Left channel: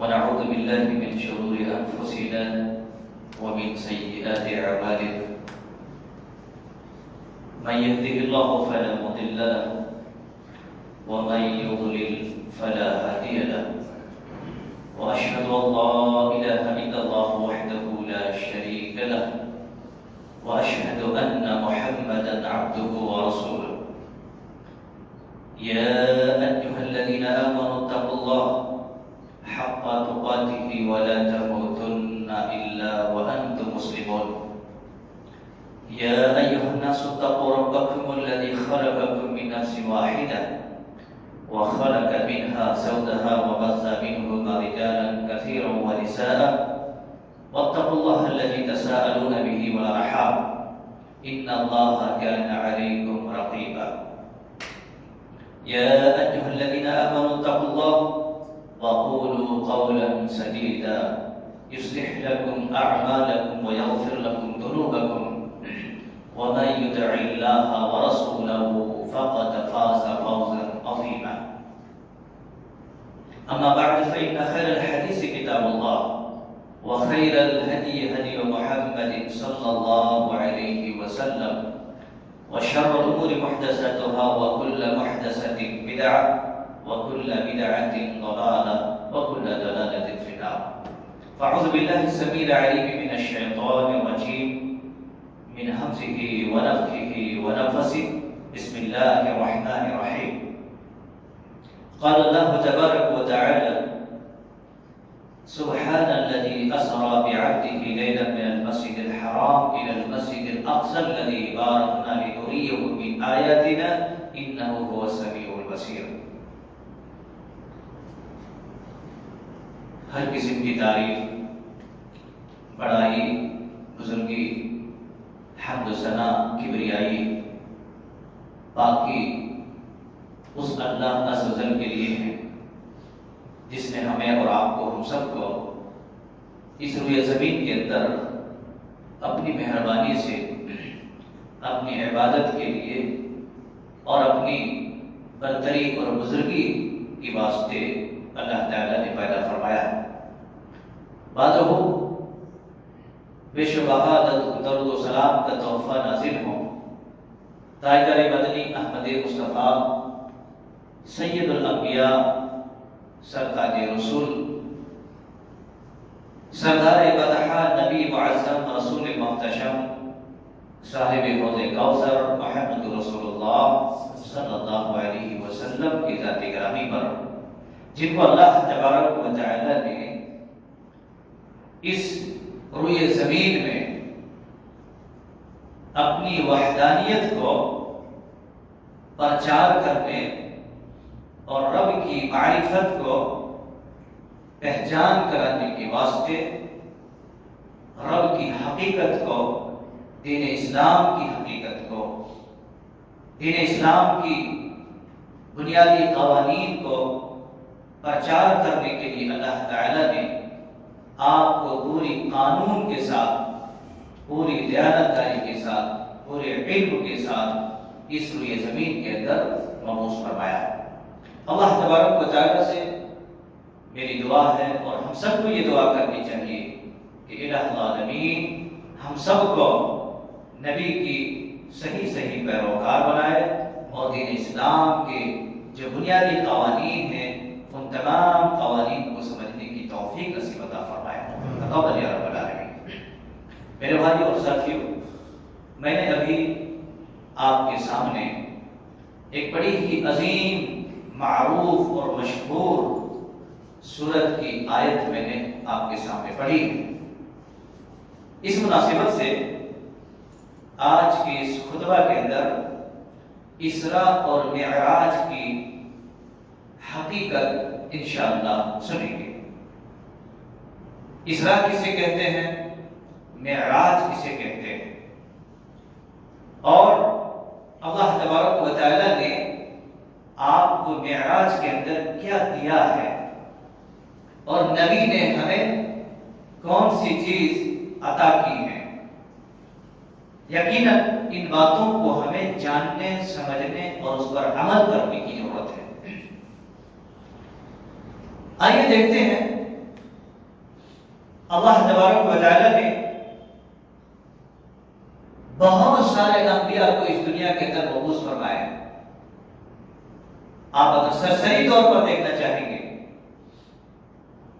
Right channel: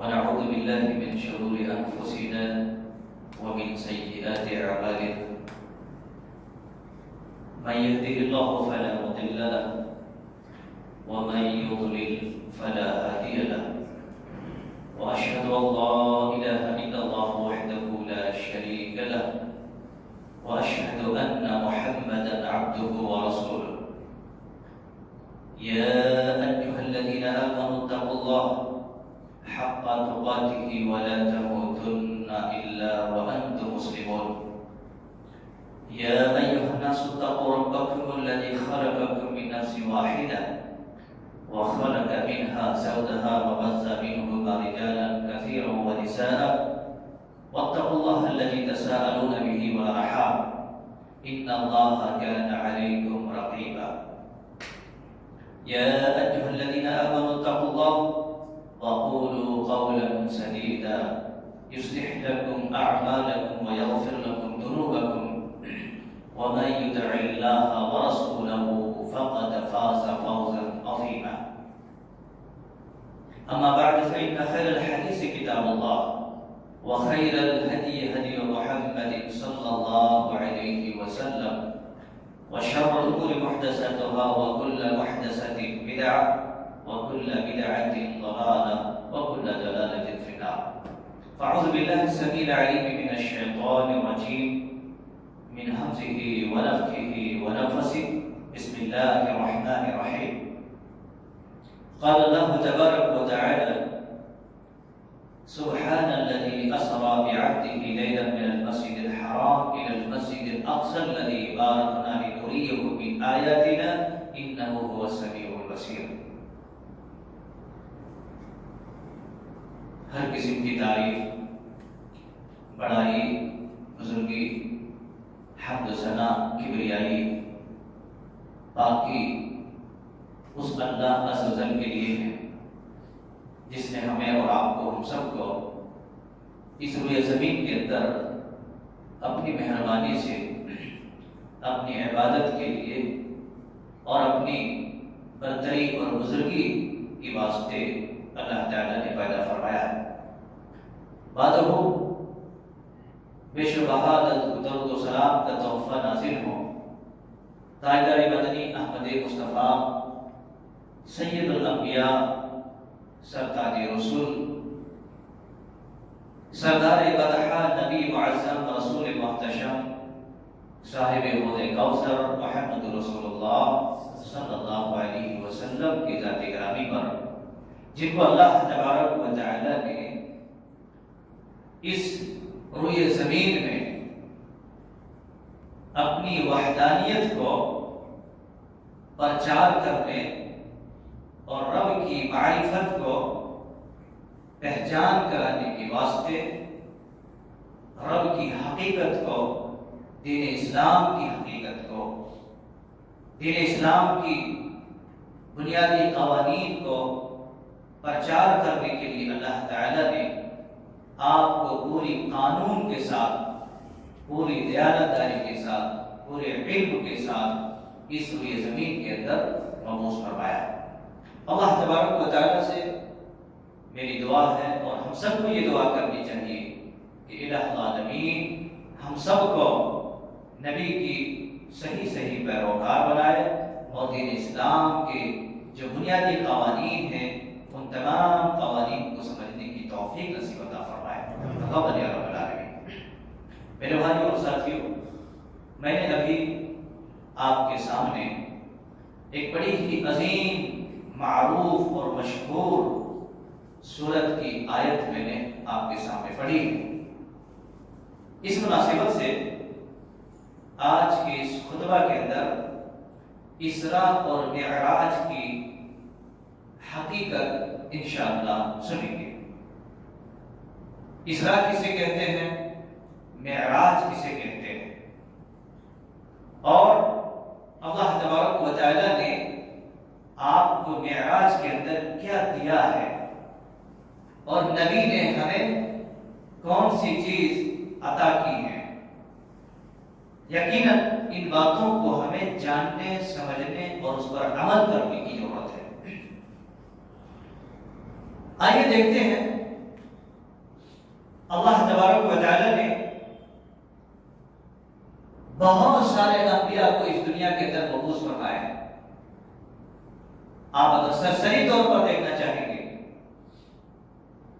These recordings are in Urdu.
ونعوذ بالله من شرور أنفسنا ومن سيئات أعمالنا من يهده الله فلا مضل له ومن يضلل فلا هادي له وأشهد أن لا إله إلا الله وحده لا شريك له وأشهد أن محمدا عبده ورسوله يا أيها الذين آمنوا اتقوا الله حق تقاته ولا تموتن إلا وأنتم مسلمون يا أيها الناس اتقوا ربكم الذي خلقكم من نفس واحدة وخلق منها زوجها وبث منهما رجالا كثيرا ونساء واتقوا الله الذي تساءلون به والأرحام إن الله كان عليكم رقيبا يا أيها الذين آمنوا اتقوا الله وقولوا قولا سديدا يصلح لكم أعمالكم ويغفر لكم ذنوبكم ومن يطع الله ورسوله فقد فاز فوزا عظيما أما بعد فإن خير الحديث كتاب الله وخير الهدي هدي محمد صلى الله عليه وسلم وشر الأمور محدثاتها وكل محدثة بدعة وكل بدعة ضلالة وكل ضلالة في النار فأعوذ بالله السميع العليم من الشيطان الرجيم من همزه ونفخه ونفثه بسم الله الرحمن الرحيم قال الله تبارك وتعالى سبحان الذي أسرى بعبده ليلا من المسجد الحرام إلى المسجد الأقصى الذي باركنا لنريه من آياتنا إنه هو السميع البصير ہر قسم کی تعریف، بڑائی، بزرگی، حمد و ثنا، کبریائی باقی اس اللہ عز و جل کے لیے ہے جس نے ہمیں اور آپ کو، ہم سب کو اس روئے زمین کے اندر اپنی مہربانی سے اپنی عبادت کے لیے اور اپنی برتری اور بزرگی کی واسطے اللہ تعالیٰ نے پیدا فرمایا ہے۔ بعد ہو بے شبہ درود و سلام کا تحفہ نازل ہو تاجدار مدنی احمد مصطفیٰ سید الانبیاء سرتاج رسول سردار بدحا نبی معظم رسول محتشم صاحب حوض کوثر محمد رسول اللہ صلی اللہ علیہ وسلم کی ذات گرامی پر، جن کو اللہ تبارک و تعالی نے اس روئے زمین میں اپنی وحدانیت کو پرچار کرنے اور رب کی معرفت کو پہچان کرانے کے واسطے رب کی حقیقت کو، دین اسلام کی حقیقت کو، دین اسلام کی بنیادی قوانین کو پرچار کرنے کے لیے اللہ تعالیٰ نے آپ کو پوری قانون کے ساتھ، پوری دیانتداری کے ساتھ، پورے علم کے ساتھ اس روئے زمین کے اندر مبعوث فرمایا ہے۔ اللہ تبارک و تعالیٰ سے میری دعا ہے اور ہم سب کو یہ دعا کرنی چاہیے کہ الہ العالمین ہم سب کو نبی کی صحیح پیروکار بنائے اور دین اسلام کے جو بنیادی قوانین ہیں ان تمام قوانین کو سمجھنے کی توفیق نصیب عطا فرمائے۔ تقبل یا رب العالمین۔ میرے بھائی اور ساتھیوں، میں نے ابھی آپ کے سامنے ایک بڑی ہی عظیم، معروف اور مشہور سورت کی آیت میں نے آپ کے سامنے پڑھی ہے۔ اس مناسبت سے آج کے اس خطبہ کے اندر اسراء اور معراج کی حقیقت انشاءاللہ سنیں گے۔ اسراء کسے کہتے ہیں، معراج کسے کہتے ہیں، اور اللہ تبارک و تعالی نے آپ کو معراج کے اندر کیا دیا ہے، اور نبی نے ہمیں کون سی چیز عطا کی ہے۔ یقیناً ان باتوں کو ہمیں جاننے، سمجھنے اور اس پر عمل کرنے کی ضرورت ہے۔ آئیے دیکھتے ہیں اللہ تبارک و تعالیٰ نے بہت سارے انبیاء کو اس دنیا کے اندر مبعوث فرمایا ہے۔ آپ اگر سرسری طور پر دیکھنا چاہیں گے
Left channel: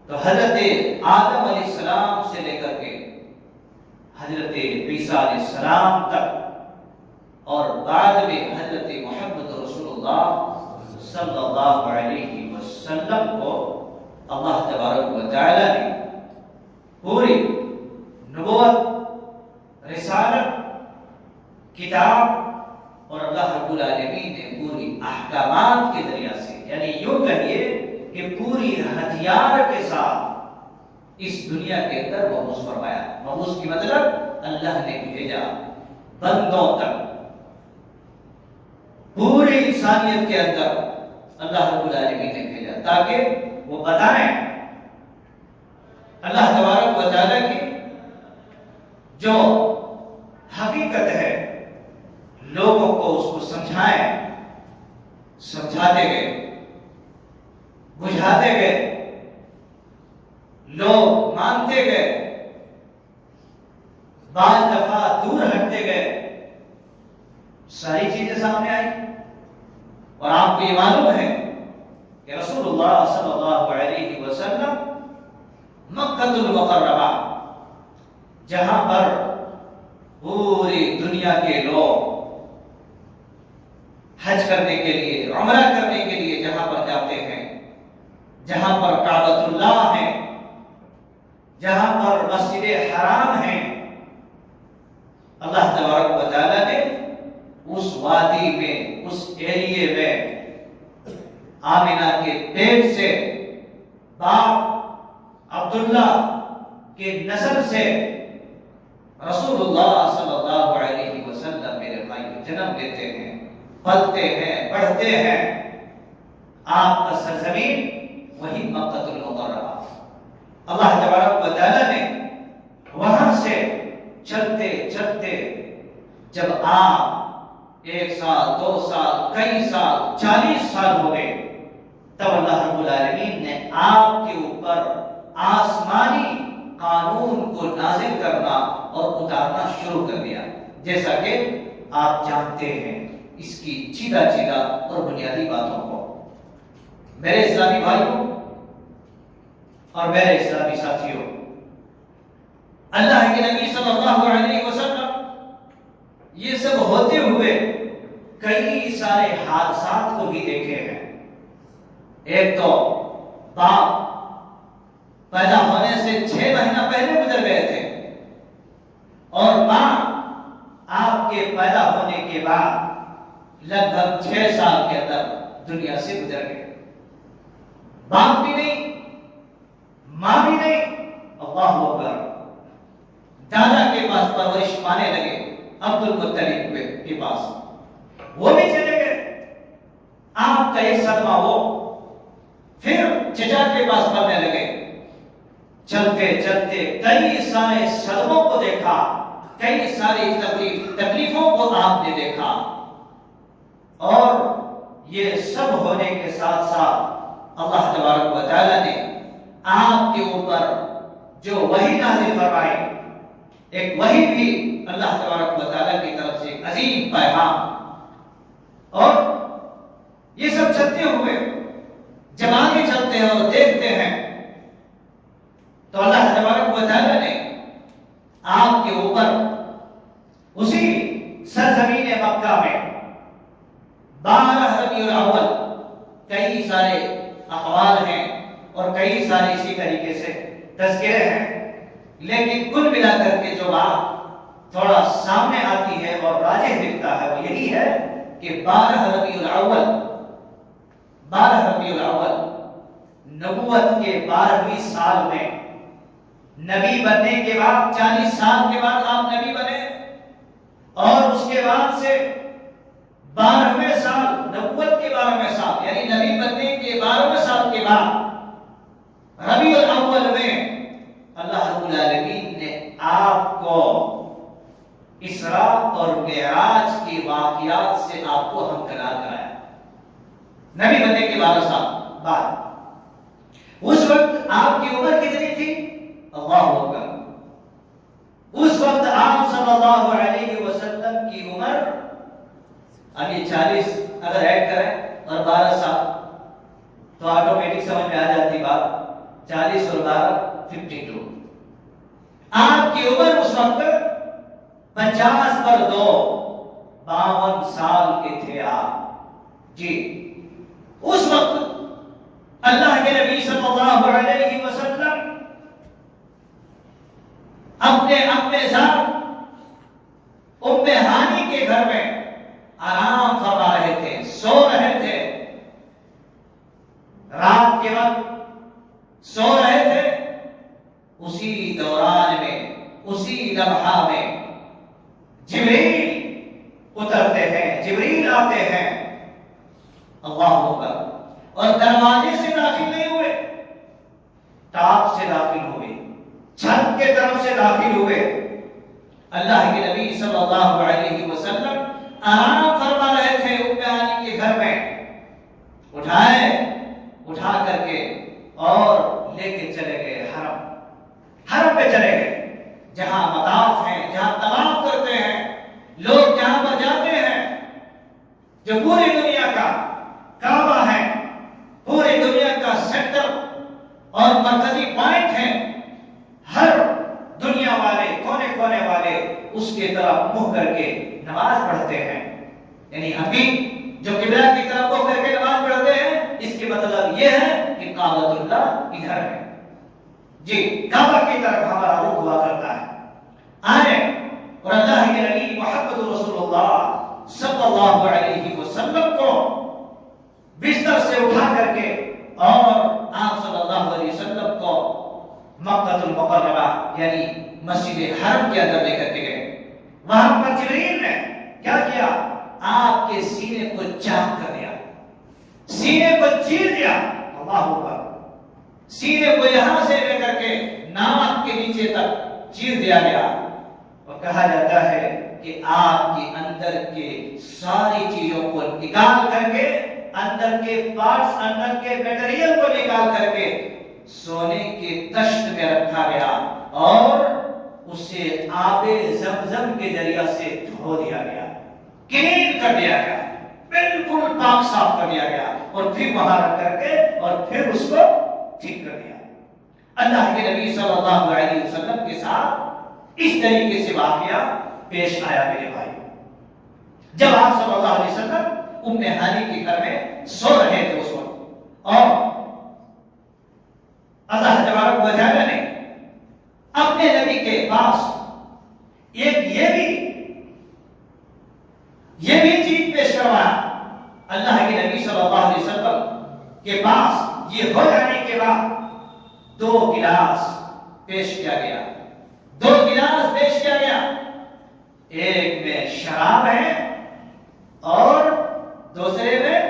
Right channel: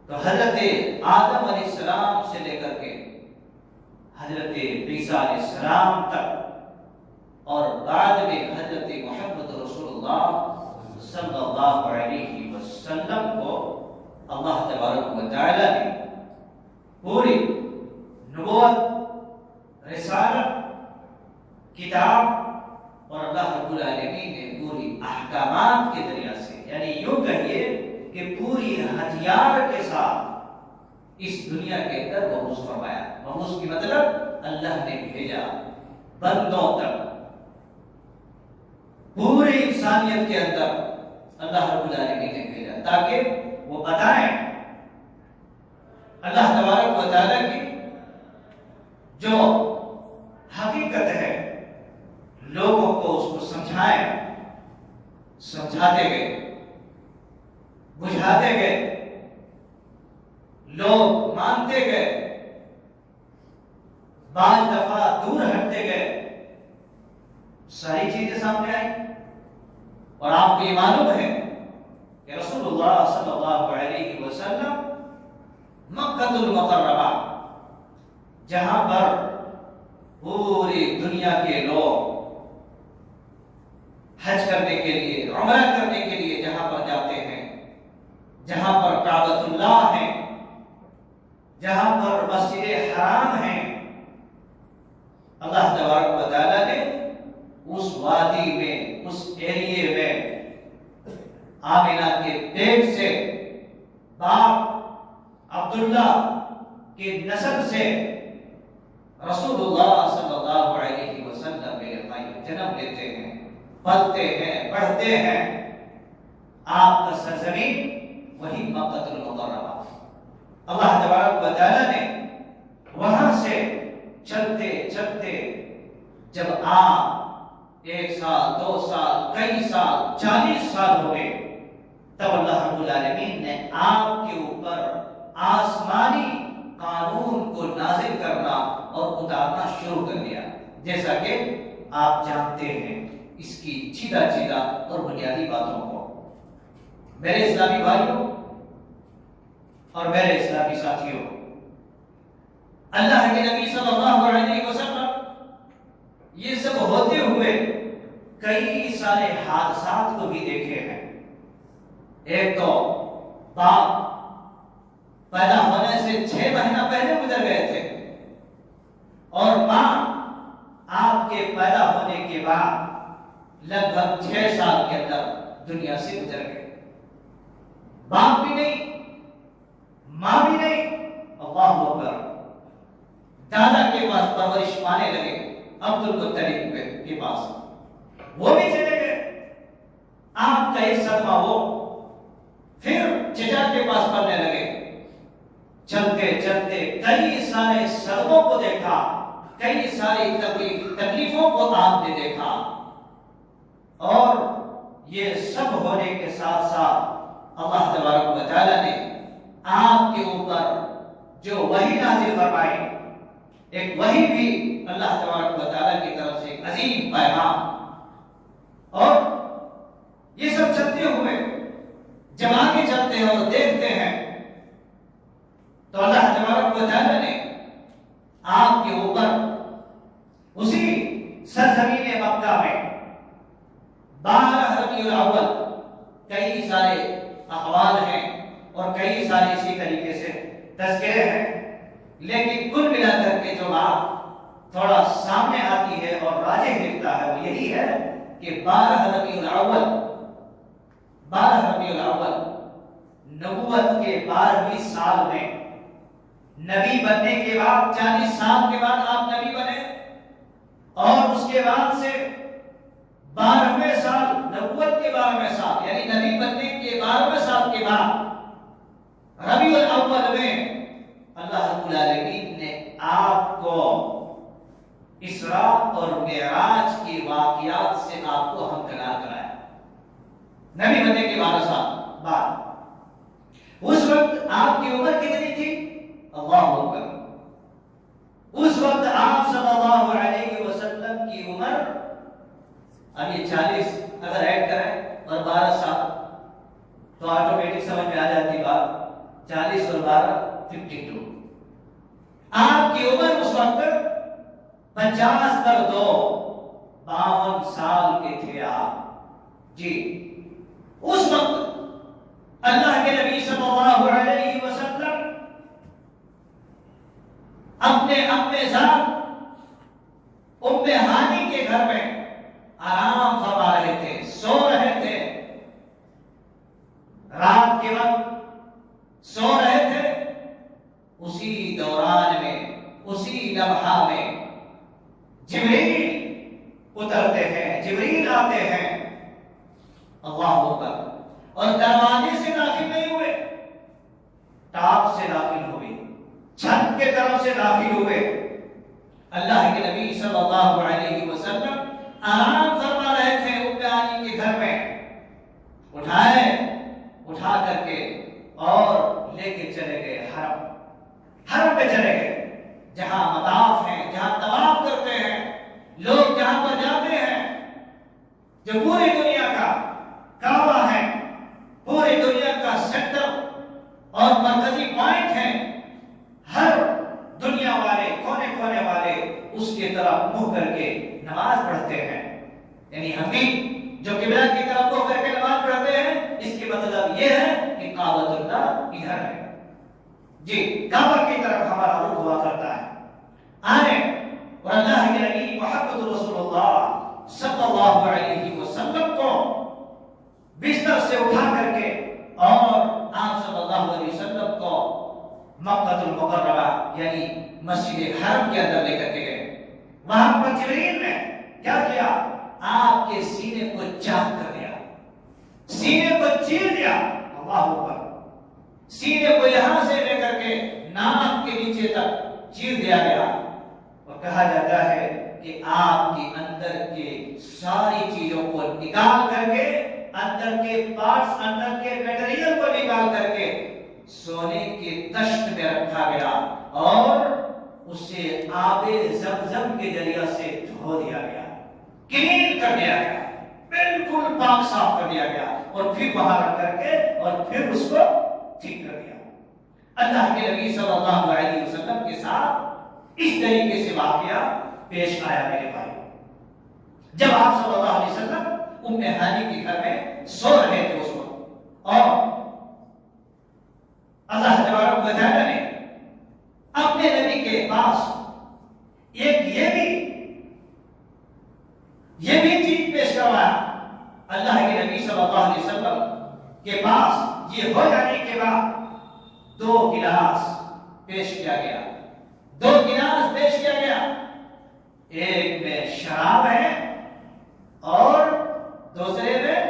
تو حضرت آدم علیہ السلام سے لے کر کے حضرت عیسیٰ علیہ السلام تک اور بعد میں حضرت محمد رسول اللہ صلی اللہ علیہ وسلم کو اللہ تبارک و تعالیٰ نے پوری نبوت، رسالت، کتاب اور اللہ رب العالمین نے پوری احکامات کے ذریعے سے، یعنی یوں کہیے کہ پوری ہتھیار کے ساتھ اس دنیا کے اندر مبعوث فرمایا۔ مبعوث کی مطلب اللہ نے بھیجا بندوں تک، پوری انسانیت کے اندر اللہ رب العالمین نے بھیجا تاکہ وہ بتائیں اللہ تبارک و تعالیٰ کی جو حقیقت ہے، لوگوں کو اس کو سمجھائیں، سمجھاتے گئے، بجھاتے گئے، لوگ مانتے گئے، بعض دفعہ دور ہٹتے گئے، ساری چیزیں سامنے آئی۔ اور آپ کو یہ معلوم ہے کہ رسول اللہ صلی اللہ علیہ وسلم مکہ المکرمہ، جہاں پر پوری دنیا کے لوگ حج کرنے کے لیے، عمرہ کرنے کے لیے جہاں پر جاتے ہیں، جہاں پر کعبۃ اللہ ہے، جہاں پر مسجد حرام ہے، اللہ تبارک و تعالیٰ نے اس وادی میں، اس ایریے میں آمنہ کے پیٹ سے باپ عبداللہ کے نسل سے رسول اللہ صلی اللہ علیہ وسلم میرے بھائی جنم لیتے ہیں، پلتے ہیں، بڑھتے ہیں۔ آپ کا سرزمین وہی مکہ المکرمہ۔ اللہ تبارک و تعالیٰ نے وہاں سے چلتے چلتے جب آپ 1 سال، 2 سال، کئی سال، 40 سال ہو گئے، تب اللہ رب العالمین نے آپ کے اوپر آسمانی قانون کو نازل کرنا اور اتارنا شروع کر دیا، جیسا کہ آپ جانتے ہیں اس کی چیدہ اور بنیادی باتوں کو۔ میرے اسلامی بھائیوں اور میرے اسلامی ساتھیوں، اللہ کے نبی صلی اللہ علیہ وسلم یہ سب ہوتے ہوئے کئی سارے حادثات کو بھی دیکھے ہیں۔ ایک تو باپ پیدا ہونے سے 6 مہینہ پہلے گزر گئے تھے، اور ماں آپ کے پیدا ہونے کے بعد لگ بھگ 6 سال کے اندر دنیا سے گزر گئے۔ باپ بھی نہیں، ماں بھی نہیں، اللہ اکبر، دادا کے پاس پرورش پانے لگے، عبد المطلب کے پاس، وہ بھی چلے گئے، آپ کا ایک صدمہ ہو، پھر چچا کے پاس پڑھنے لگے، چلتے چلتے کئی سارے صدموں کو دیکھا، کئی ساری تکلیفوں کو آپ نے دیکھا، اور یہ سب ہونے کے ساتھ ساتھ اللہ تبارک و تعالیٰ نے آپ کے اوپر جو وحی نازل فرمائی، ایک وحی بھی اللہ تبارک و تعالیٰ کی طرف سے ایک عظیم پیغام، اور یہ سب چلتے ہوئے جب آگے چلتے ہیں اور دیکھتے ہیں تو اللہ تبارک و تعالیٰ نے آپ کے اوپر اسی سرزمین مکہ میں 12 ربیع الاول، کئی سارے اقوال ہیں اور کئی سارے اسی طریقے سے تذکرے ہیں، لیکن کل ملا کر کے جو بات تھوڑا سامنے آتی ہے اور راجح دکھتا ہے وہ یہی ہے کہ 12 ربیع الاول نبوت کے 12ویں سال میں، نبی بننے کے بعد 40 سال کے بعد آپ نبی بنے، اور اس کے بعد سے 12ویں سال، نبوت کے 12ویں سال، یعنی نبی بننے کے 12ویں سال کے بعد ربیع الاول میں اللہ رب العالمین نے آپ کو اسراء اور معراج کے واقعات سے آپ کو ہمکنار کرایا، نبی بننے کے 12 سال بعد۔ اس وقت آپ کی عمر کتنی تھی؟ اللہ اکبر، آٹومیٹک سمجھ میں آ جاتی بات. 40 اور 12 52. آپ کی عمر اس وقت 50 پر 2 52 سال کے تھے آپ جی. اس وقت اللہ کے نبی صلی اللہ علیہ وسلم اپنے اپنے ذات ام ہانی کے گھر میں آرام فرما رہے تھے, سو رہے تھے. رات کے وقت سو رہے تھے. اسی دوران میں, اسی لمحہ میں جبریل اترتے ہیں, جبریل آتے ہیں. اللہ اکبر. اور دروازے سے داخل نہیں ہوئے, ٹاپ سے داخل ہوئے, چھت کے طرف سے داخل ہوئے. اللہ کے نبی صلی اللہ علیہ وسلم آرام فرما رہے تھے ام ہانی کے گھر میں. اٹھا کر کے اور لے کے چلے گئے حرم پہ چلے گئے, جہاں مطاف ہیں, جہاں طواف کرتے ہیں لوگ, جہاں پر جاتے ہیں, جو پوری دنیا کا کعبہ ہے, پوری دنیا کا سینٹر اور مرکزی پوائنٹ ہے. ہر دنیا والے, کونے کونے والے اس کی طرف منہ کر کے نماز پڑھتے ہیں. یعنی ہم بھی جو قبلہ کی طرف منہ کر کے نماز پڑھتے ہیں, اس کی مطلب یہ ہے کہ کعبۃ اللہ ادھر ہے جی, کعبہ کی طرف ہمارا رخ ہوا کرتا ہے. آئے اور اللہ کے نبی محمد رسول اللہ صلی اللہ علیہ وسلم کو بستر سے اٹھا کر کے اور آپ صلی اللہ علیہ وسلم کو مکہ المکرمہ یعنی مسجد حرم کے اندر لے کر کے گئے. وہاں پر جبریل نے کیا کیا, آپ کے سینے کو چاک کر دیا, سینے کو چیر دیا. اللہ اکبر. سینے کو یہاں سے لے کر کے ناک کے نیچے تک چیر دیا گیا. اور کہا جاتا ہے کہ آپ کے اندر کے ساری چیزوں کو نکال کر کے, اندر کے پارٹس, اندر کے میٹیریل کو نکال کر کے سونے کے تشت میں رکھا گیا اور اسے آب زمزم کے ذریعہ سے دھو دیا گیا, کلین کر دیا گیا, بالکل پاک صاف کر دیا گیا, اور پھر وہاں رکھ کر کے اور پھر اس کو ٹھیک کر دیا. اللہ کے نبی صلی اللہ علیہ وسلم کے ساتھ اس طریقے سے واقعہ پیش آیا میرے بھائی. جب آپ صلی اللہ علیہ وسلم ام ہانی کے گھر میں سو رہے تھے اس وقت, اور اللہ تبارک و تعالی نے اپنے نبی کے پاس ایک یہ بھی چیز پیش کروایا. اللہ کے نبی صلی اللہ علیہ وسلم کے پاس یہ ہو جانے کے بعد 2 گلاس پیش کیا گیا, 2 گلاس پیش کیا گیا. ایک میں شراب ہے اور دوسرے میں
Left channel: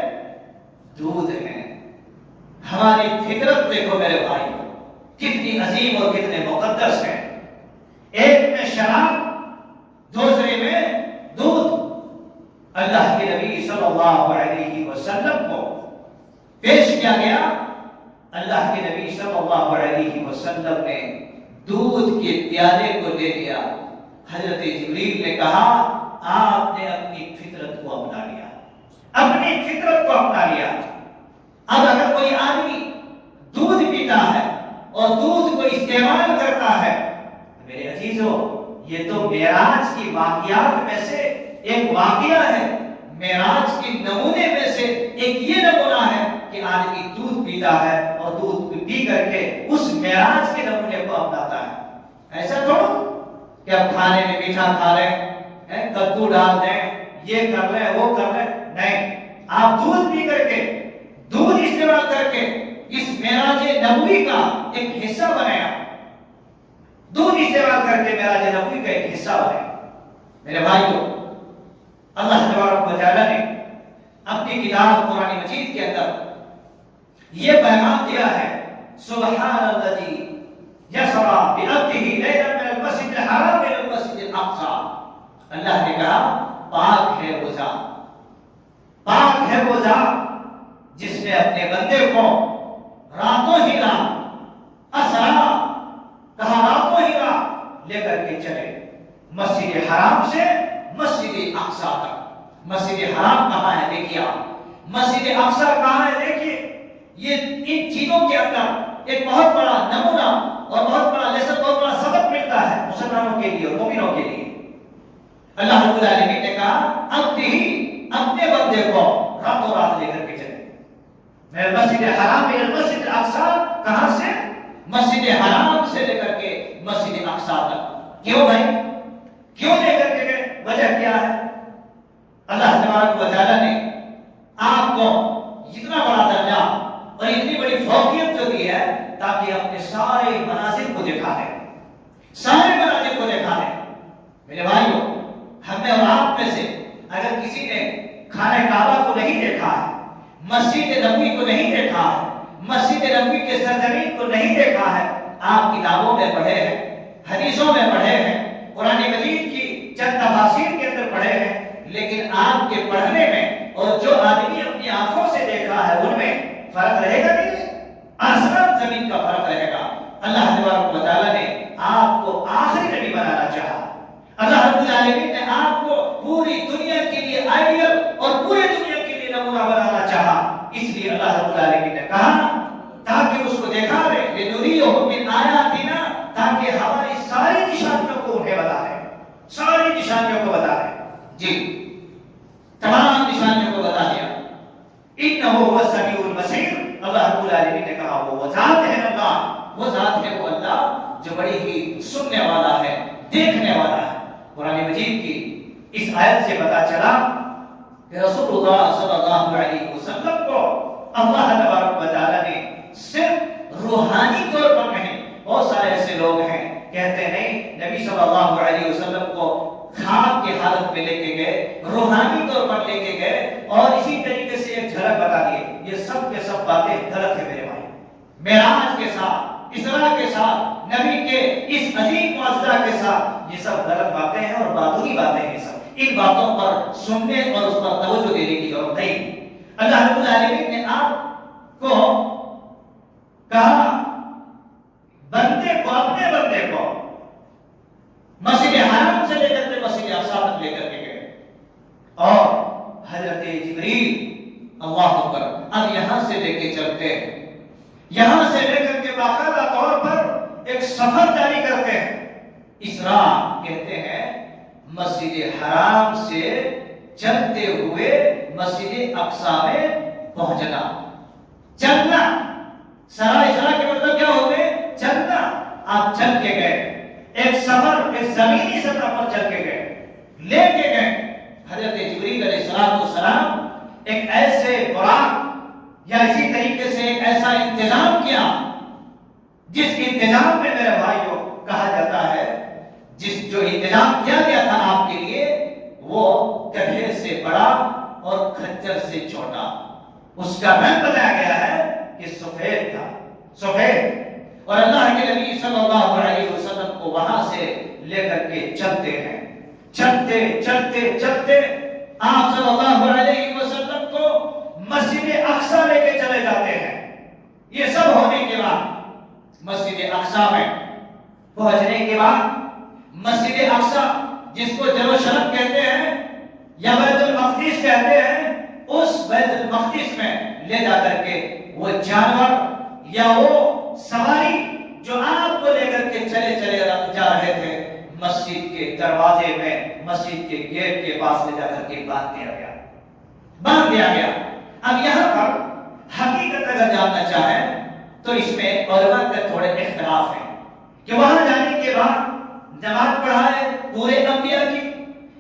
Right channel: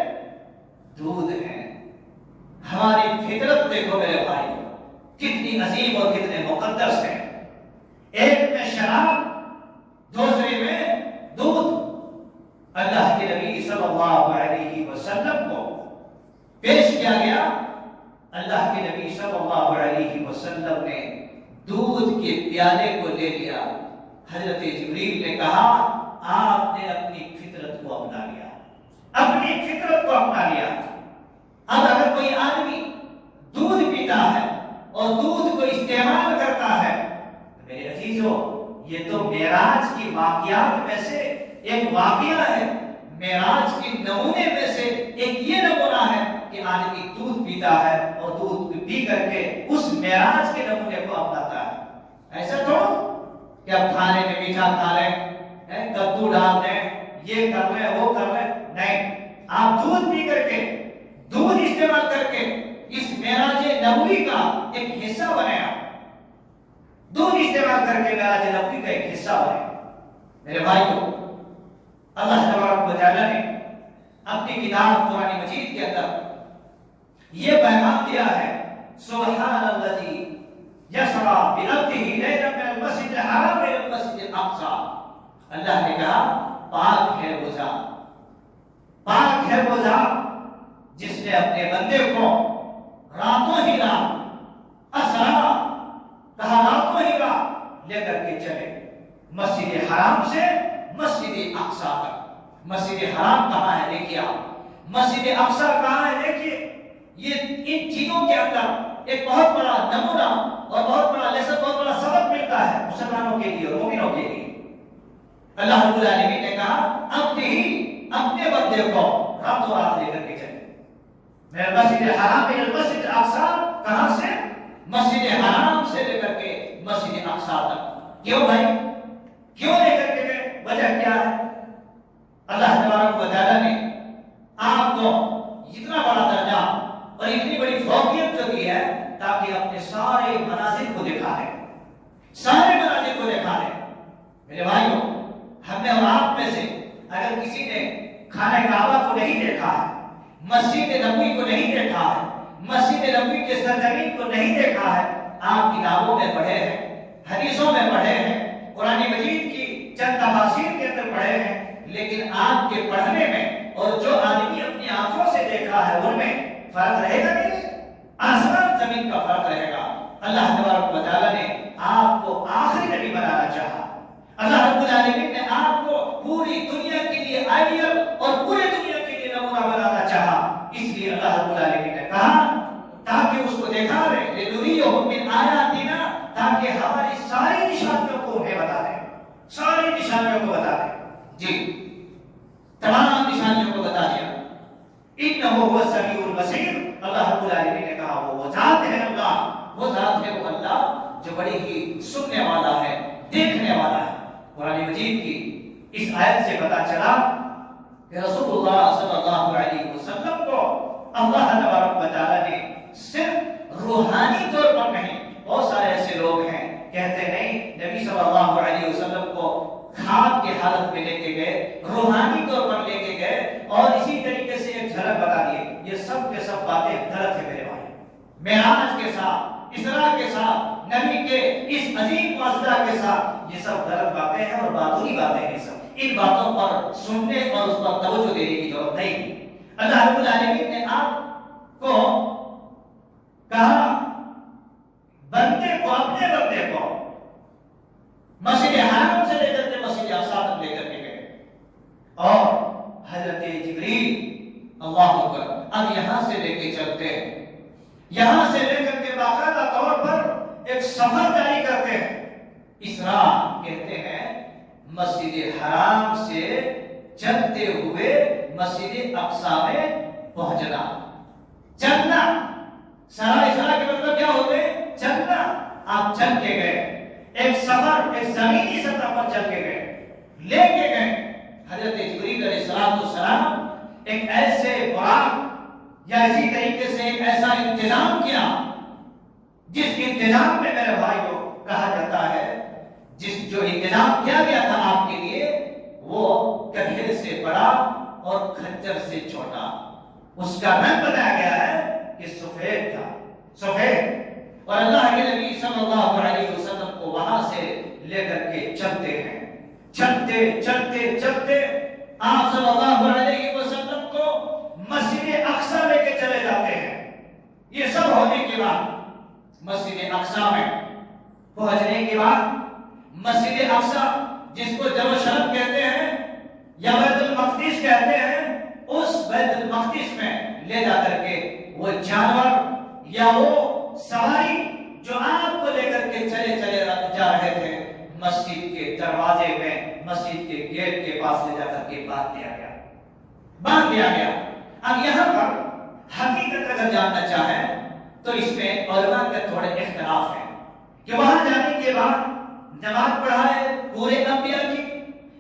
دودھ ہے. ہماری فطرت دیکھو میرے بھائی کتنی عظیم اور کتنے مقدس ہے. ایک میں شراب, دوسرے میں دودھ. اللہ کے نبی صلی اللہ علیہ وسلم کو پیش کیا گیا. اللہ کے نبی صلی اللہ علیہ وسلم نے دودھ کے پیالے کو لے لیا. حضرت جبریل نے کہا آپ نے اپنی فطرت کو اپنا لیا, اپنی فطرت کو اپنا لیا. اب اگر کوئی آدمی دودھ پیتا ہے اور دودھ کو استعمال کرتا ہے, میرے عزیزو یہ تو معراج کی واقعات میں سے ایک واقعہ ہے. معراج کے نمونے میں سے ایک یہ نمونہ ہے کہ آدمی دودھ پیتا ہے اور دودھ پی کر کے اس معراج کے نمونے کو اپناتا ہے. ایسا تھوڑا کہ اب کھانے میں میٹھا کھا لیں, کدو ڈال دیں, یہ کر لیں, وہ کر لیں. نہیں, آپ دودھ پی کر کے, دودھ استعمال کر کے اس معراج نبوی کا ایک حصہ بنایا. دودھ استعمال کر کے معراج نبوی کا ایک حصہ بنایا. میرے بھائیو, اللہ تبارک و تعالی نے اپنی کتاب قرآن مجید کے اندر یہ پیغام دیا ہے, سبحان الذی یسری بعبدہ لیلا من المسجد الحرام الى المسجد الاقصى. اللہ نے کہا پاک ہے وہ ذات, پاک ہے وہ ذات جس نے اپنے بندے کو راتوں ہی رات, اسرا کہا راتوں ہی رات لے کر کے چلے مسجد حرام سے مسجد اقصی تک. مسجد حرام کہاں ہے دیکھیے آپ, مسجد اقصی کہاں ہے دیکھیے, یہ ان چیزوں کے اندر ایک بہت بڑا نمونہ اور بہت بڑا لیسن، بہت بڑا سبق ملتا ہے مسلمانوں کے لیے، مومنوں کے لیے۔ اللہ رب العالمین نے کہا اب ہی اپنے بندے کو رات و رات لے کر کے چلے، میں مسجد حرام میں مسجد اقصی، کہاں سے؟ مسجد حرام سے لے کر کے مسجد اقصی تک۔ کیوں بھائی؟ کیوں لے کر کے گئے؟ وجہ کیا ہے؟ اللہ تبارک و تعالیٰ نے آپ کو اتنا بڑا درجہ اور اتنی بڑی فوقیت جو دی ہے تاکہ اپنے سارے مناظر کو دکھا ہے، سارے مناظر کو دکھا ہے۔ میرے بھائیوں، ہم نے اور آپ میں سے اگر کسی نے خانہ کعبہ کو نہیں دیکھا ہے، مسجد نبوی کو نہیں دیکھا ہے، مسجد نبوی کے سرزمین کو نہیں دیکھا ہے، آپ کتابوں میں پڑھے ہیں، حدیثوں میں پڑھے ہیں، قرآن مجید کی چند تفاسیر کے اندر پڑھے ہیں، لیکن آپ کے پڑھنے میں اور جو آدمی اپنی آنکھوں سے دیکھا ہے ان میں فرق رہے گا نہیں؟ آسمان زمین کا فرق رہے گا۔ اللہ تبارک و تعالیٰ نے آپ کو آخری نبی بنانا چاہا، اللہ رب العالمین نے آپ کو پوری دنیا کے لیے آئیڈیل اور پورے دنیا کے لیے نمونہ بنانا چاہا، اس لیے اللہ رب العالمین نے کہا تاکہ اس کو دکھا دے لِنُرِيَهُ مِنْ آیَاتِنَا، تاکہ ہماری ساری نشانیوں کو انہیں بتا دے، ساری نشانیوں کو بتا دے۔ جی تمام نشانیوں کو بتا دیا۔ اِنَّهُ هُوَ السَّمِيعُ الْبَصِيرُ، اللہ رب العالمین نے کہا وہ ذات ہے اللہ، وہ ذات ہے وہ اللہ جو بڑی ہی سننے والا ہے، دیکھنے والا ہے۔ قرآن مجید کی اس آیت سے پتا چلا کہ رسول اللہ صلی اللہ علیہ وسلم کو اللہ تبارک و تعالیٰ نے صرف روحانی طور پر نہیں، بہت سارے ایسے لوگ ہیں کہتے نہیں نبی صلی اللہ علیہ وسلم کو خواب کی حالت میں لے کے گئے، روحانی طور پر لے کے گئے اور اسی طریقے سے ایک جھلک بتا دیے۔ یہ سب کے سب باتیں غلط ہے میرے بھائی۔ معراج کے ساتھ، اسراء کے ساتھ، نبی کے اس عظیم معجزہ کے ساتھ یہ سب غلط باتیں ہیں اور باطنی باتیں ہیں۔ سب ان باتوں پر سننے اور اس پر توجہ دینے کی ضرورت نہیں۔ اللہ رب العالمین نے آپ کو کہا بندے کو، اپنے بندے کو مسجد حرام سے لے کر کے مسجد اقصی تک لے کر کے گئے اور حضرت جبریل اللہ اکبر اب یہاں سے لے کے چلتے ہیں، یہاں سے لے کر کے باقاعدہ طور پر ایک سفر جاری کرتے ہیں۔ اسراء کہتے ہیں مسجد حرام سے چلتے ہوئے مسجد اقصی میں پہنچنا، چلنا۔ سرا اسراء کے مطلب کیا ہوتے ہیں؟ چلنا۔ آپ چل کے گئے، ایک سفر، ایک زمینی سفر پر چل کے گئے، لے کے گئے۔ حضرت جبریل علیہ السلام ایک ایسے براق یا اسی طریقے سے ایک ایسا انتظام کیا جس انتظام میں میرے بھائیوں کہا جاتا ہے جو انتظام کیا گیا تھا آپ کے لیے وہ گدھے سے بڑا اور خنجر سے چھوٹا، اس کا رنگ بتایا گیا ہے کہ سفید تھا، سفید۔ اور اللہ کے نبی صلی اللہ علیہ وسلم کو وہاں سے لے کر کے چلتے ہیں، چلتے چلتے چلتے آپ صلی اللہ علیہ وسلم کو مسجد اقصی لے کے چلے جاتے ہیں۔ یہ سب ہونے کے بعد مسجد اقصی میں پہنچنے کے بعد مسجد اقصی جس کو یروشلم کہتے ہیں یا بیت المقدس کہتے ہیں، اس بیت المقدس میں لے جا کر کے وہ جانور یا وہ سواری جو آپ کو لے کر کے چلے چلے جا رہے تھے مسجد کے دروازے میں، مسجد کے گیٹ کے پاس لے جا کر کے باندھ دیا گیا، باندھ دیا گیا۔ اب یہاں پر حقیقت اگر جاننا چاہیں تو اس میں علماء کے تھوڑے اختلاف ہیں کہ وہاں جانے کے بعد نماز پڑھائے پورے انبیاء کی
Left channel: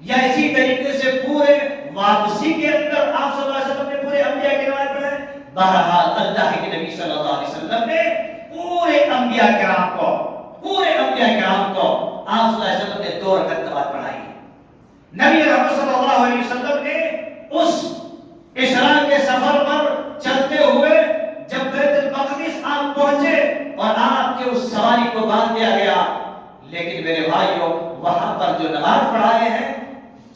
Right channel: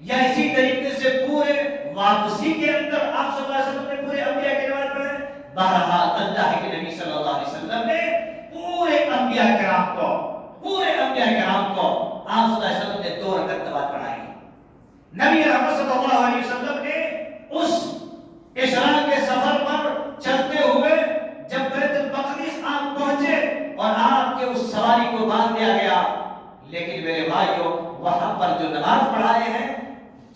یا اسی طریقے سے پورے واپسی کے اندر آپ صلی اللہ علیہ وسلم نے پورے انبیاء کی نماز پڑھائے۔ بہرحال اللہ کے نبی صلی اللہ علیہ وسلم نے پورے انبیاء کرام کو آپ صلی اللہ علیہ وسلم نے 2 رکعت نماز پڑھائی۔ نبی رحمت صلی اللہ علیہ وسلم نے اس اسراء کے سفر پر چلتے ہوئے جب بیت المقدس آپ پہنچے اور آپ کے اس سواری کو باندھ دیا گیا، لیکن میرے بھائیوں وہاں پر جو نماز پڑھائے ہیں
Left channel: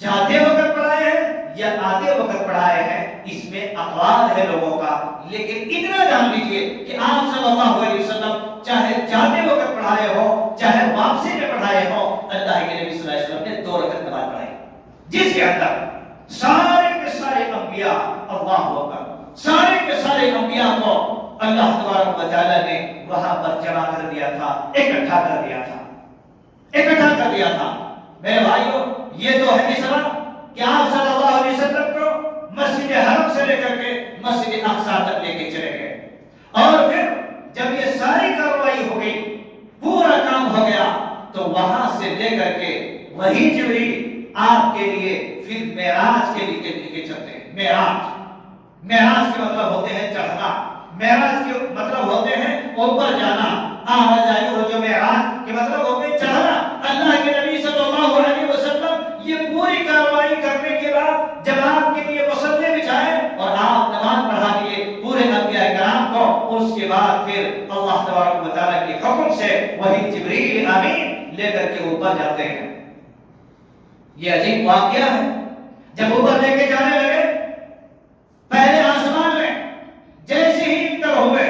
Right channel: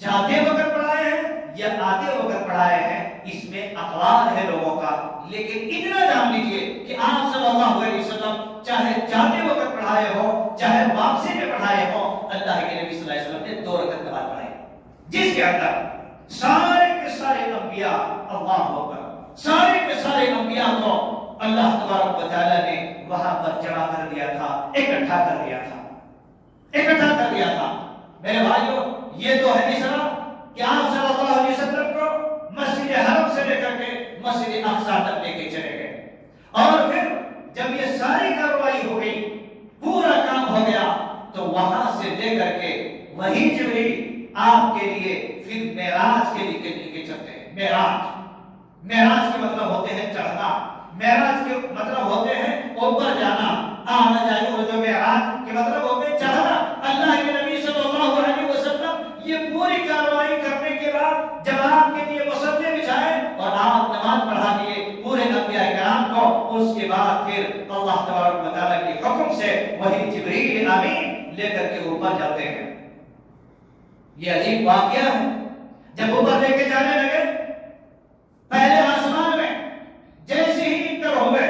جاتے وقت پڑھائے ہیں یا آتے وقت پڑھائے ہیں اس میں اقوال ہے لوگوں کا، لیکن اتنا جان لیجئے کہ آپ صلی اللہ علیہ وسلم چاہے جاتے وقت پڑھائے ہو چاہے واپسی میں پڑھائے ہو، اللہ کے نبی صلی اللہ علیہ وسلم نے 2 رکعت نماز پڑھائی جس کے اندر سارے کے سارے انبیاء اللہ اکبر، سارے کے سارے انبیاء کو اللہ تبارک و تعالیٰ نے وہاں پر جمع کر دیا تھا، اکٹھا کر دیا تھا، اکٹھا کر دیا تھا۔ میرے بھائیوں، یہ تو ہے مصرع کہ آپ صلی اللہ علیہ وسلم کو مسجد حرم سے لے کر کے مسجد اقصی تک لے کے چلے گئے، اور پھر جب یہ ساری کارروائی ہو گئی، پورا کام ہو گیا، تو وہاں سے لے کر کے وہی جبریل آپ کے لیے پھر معراج کے لیے چلتے ہیں۔ معراج کے مطلب ہوتے ہیں چڑھنا، معراج کے مطلب ہوتے ہیں اوپر جانا، آمد جائی ہو جو معراج کے مطلب ہوتے ہیں چڑھنا۔ اللہ کے نبی صلی اللہ علیہ وسلم یہ پوری کارروائی کرنے کے بعد جب آپ کے لیے مصلی بچھائے اور آپ نماز پڑھا دیے پورے انبیاء کرام کو، اس کے بعد پھر اللہ تبارک و تعالیٰ کے حکم سے وہی جبریل امین لے کر کے اوپر جاتے ہیں۔ یہ عجیب واقعہ ہے، جب اوپر لے کے جانے لگے، پہلے آسمان میں جیسے ہی انٹر ہوئے،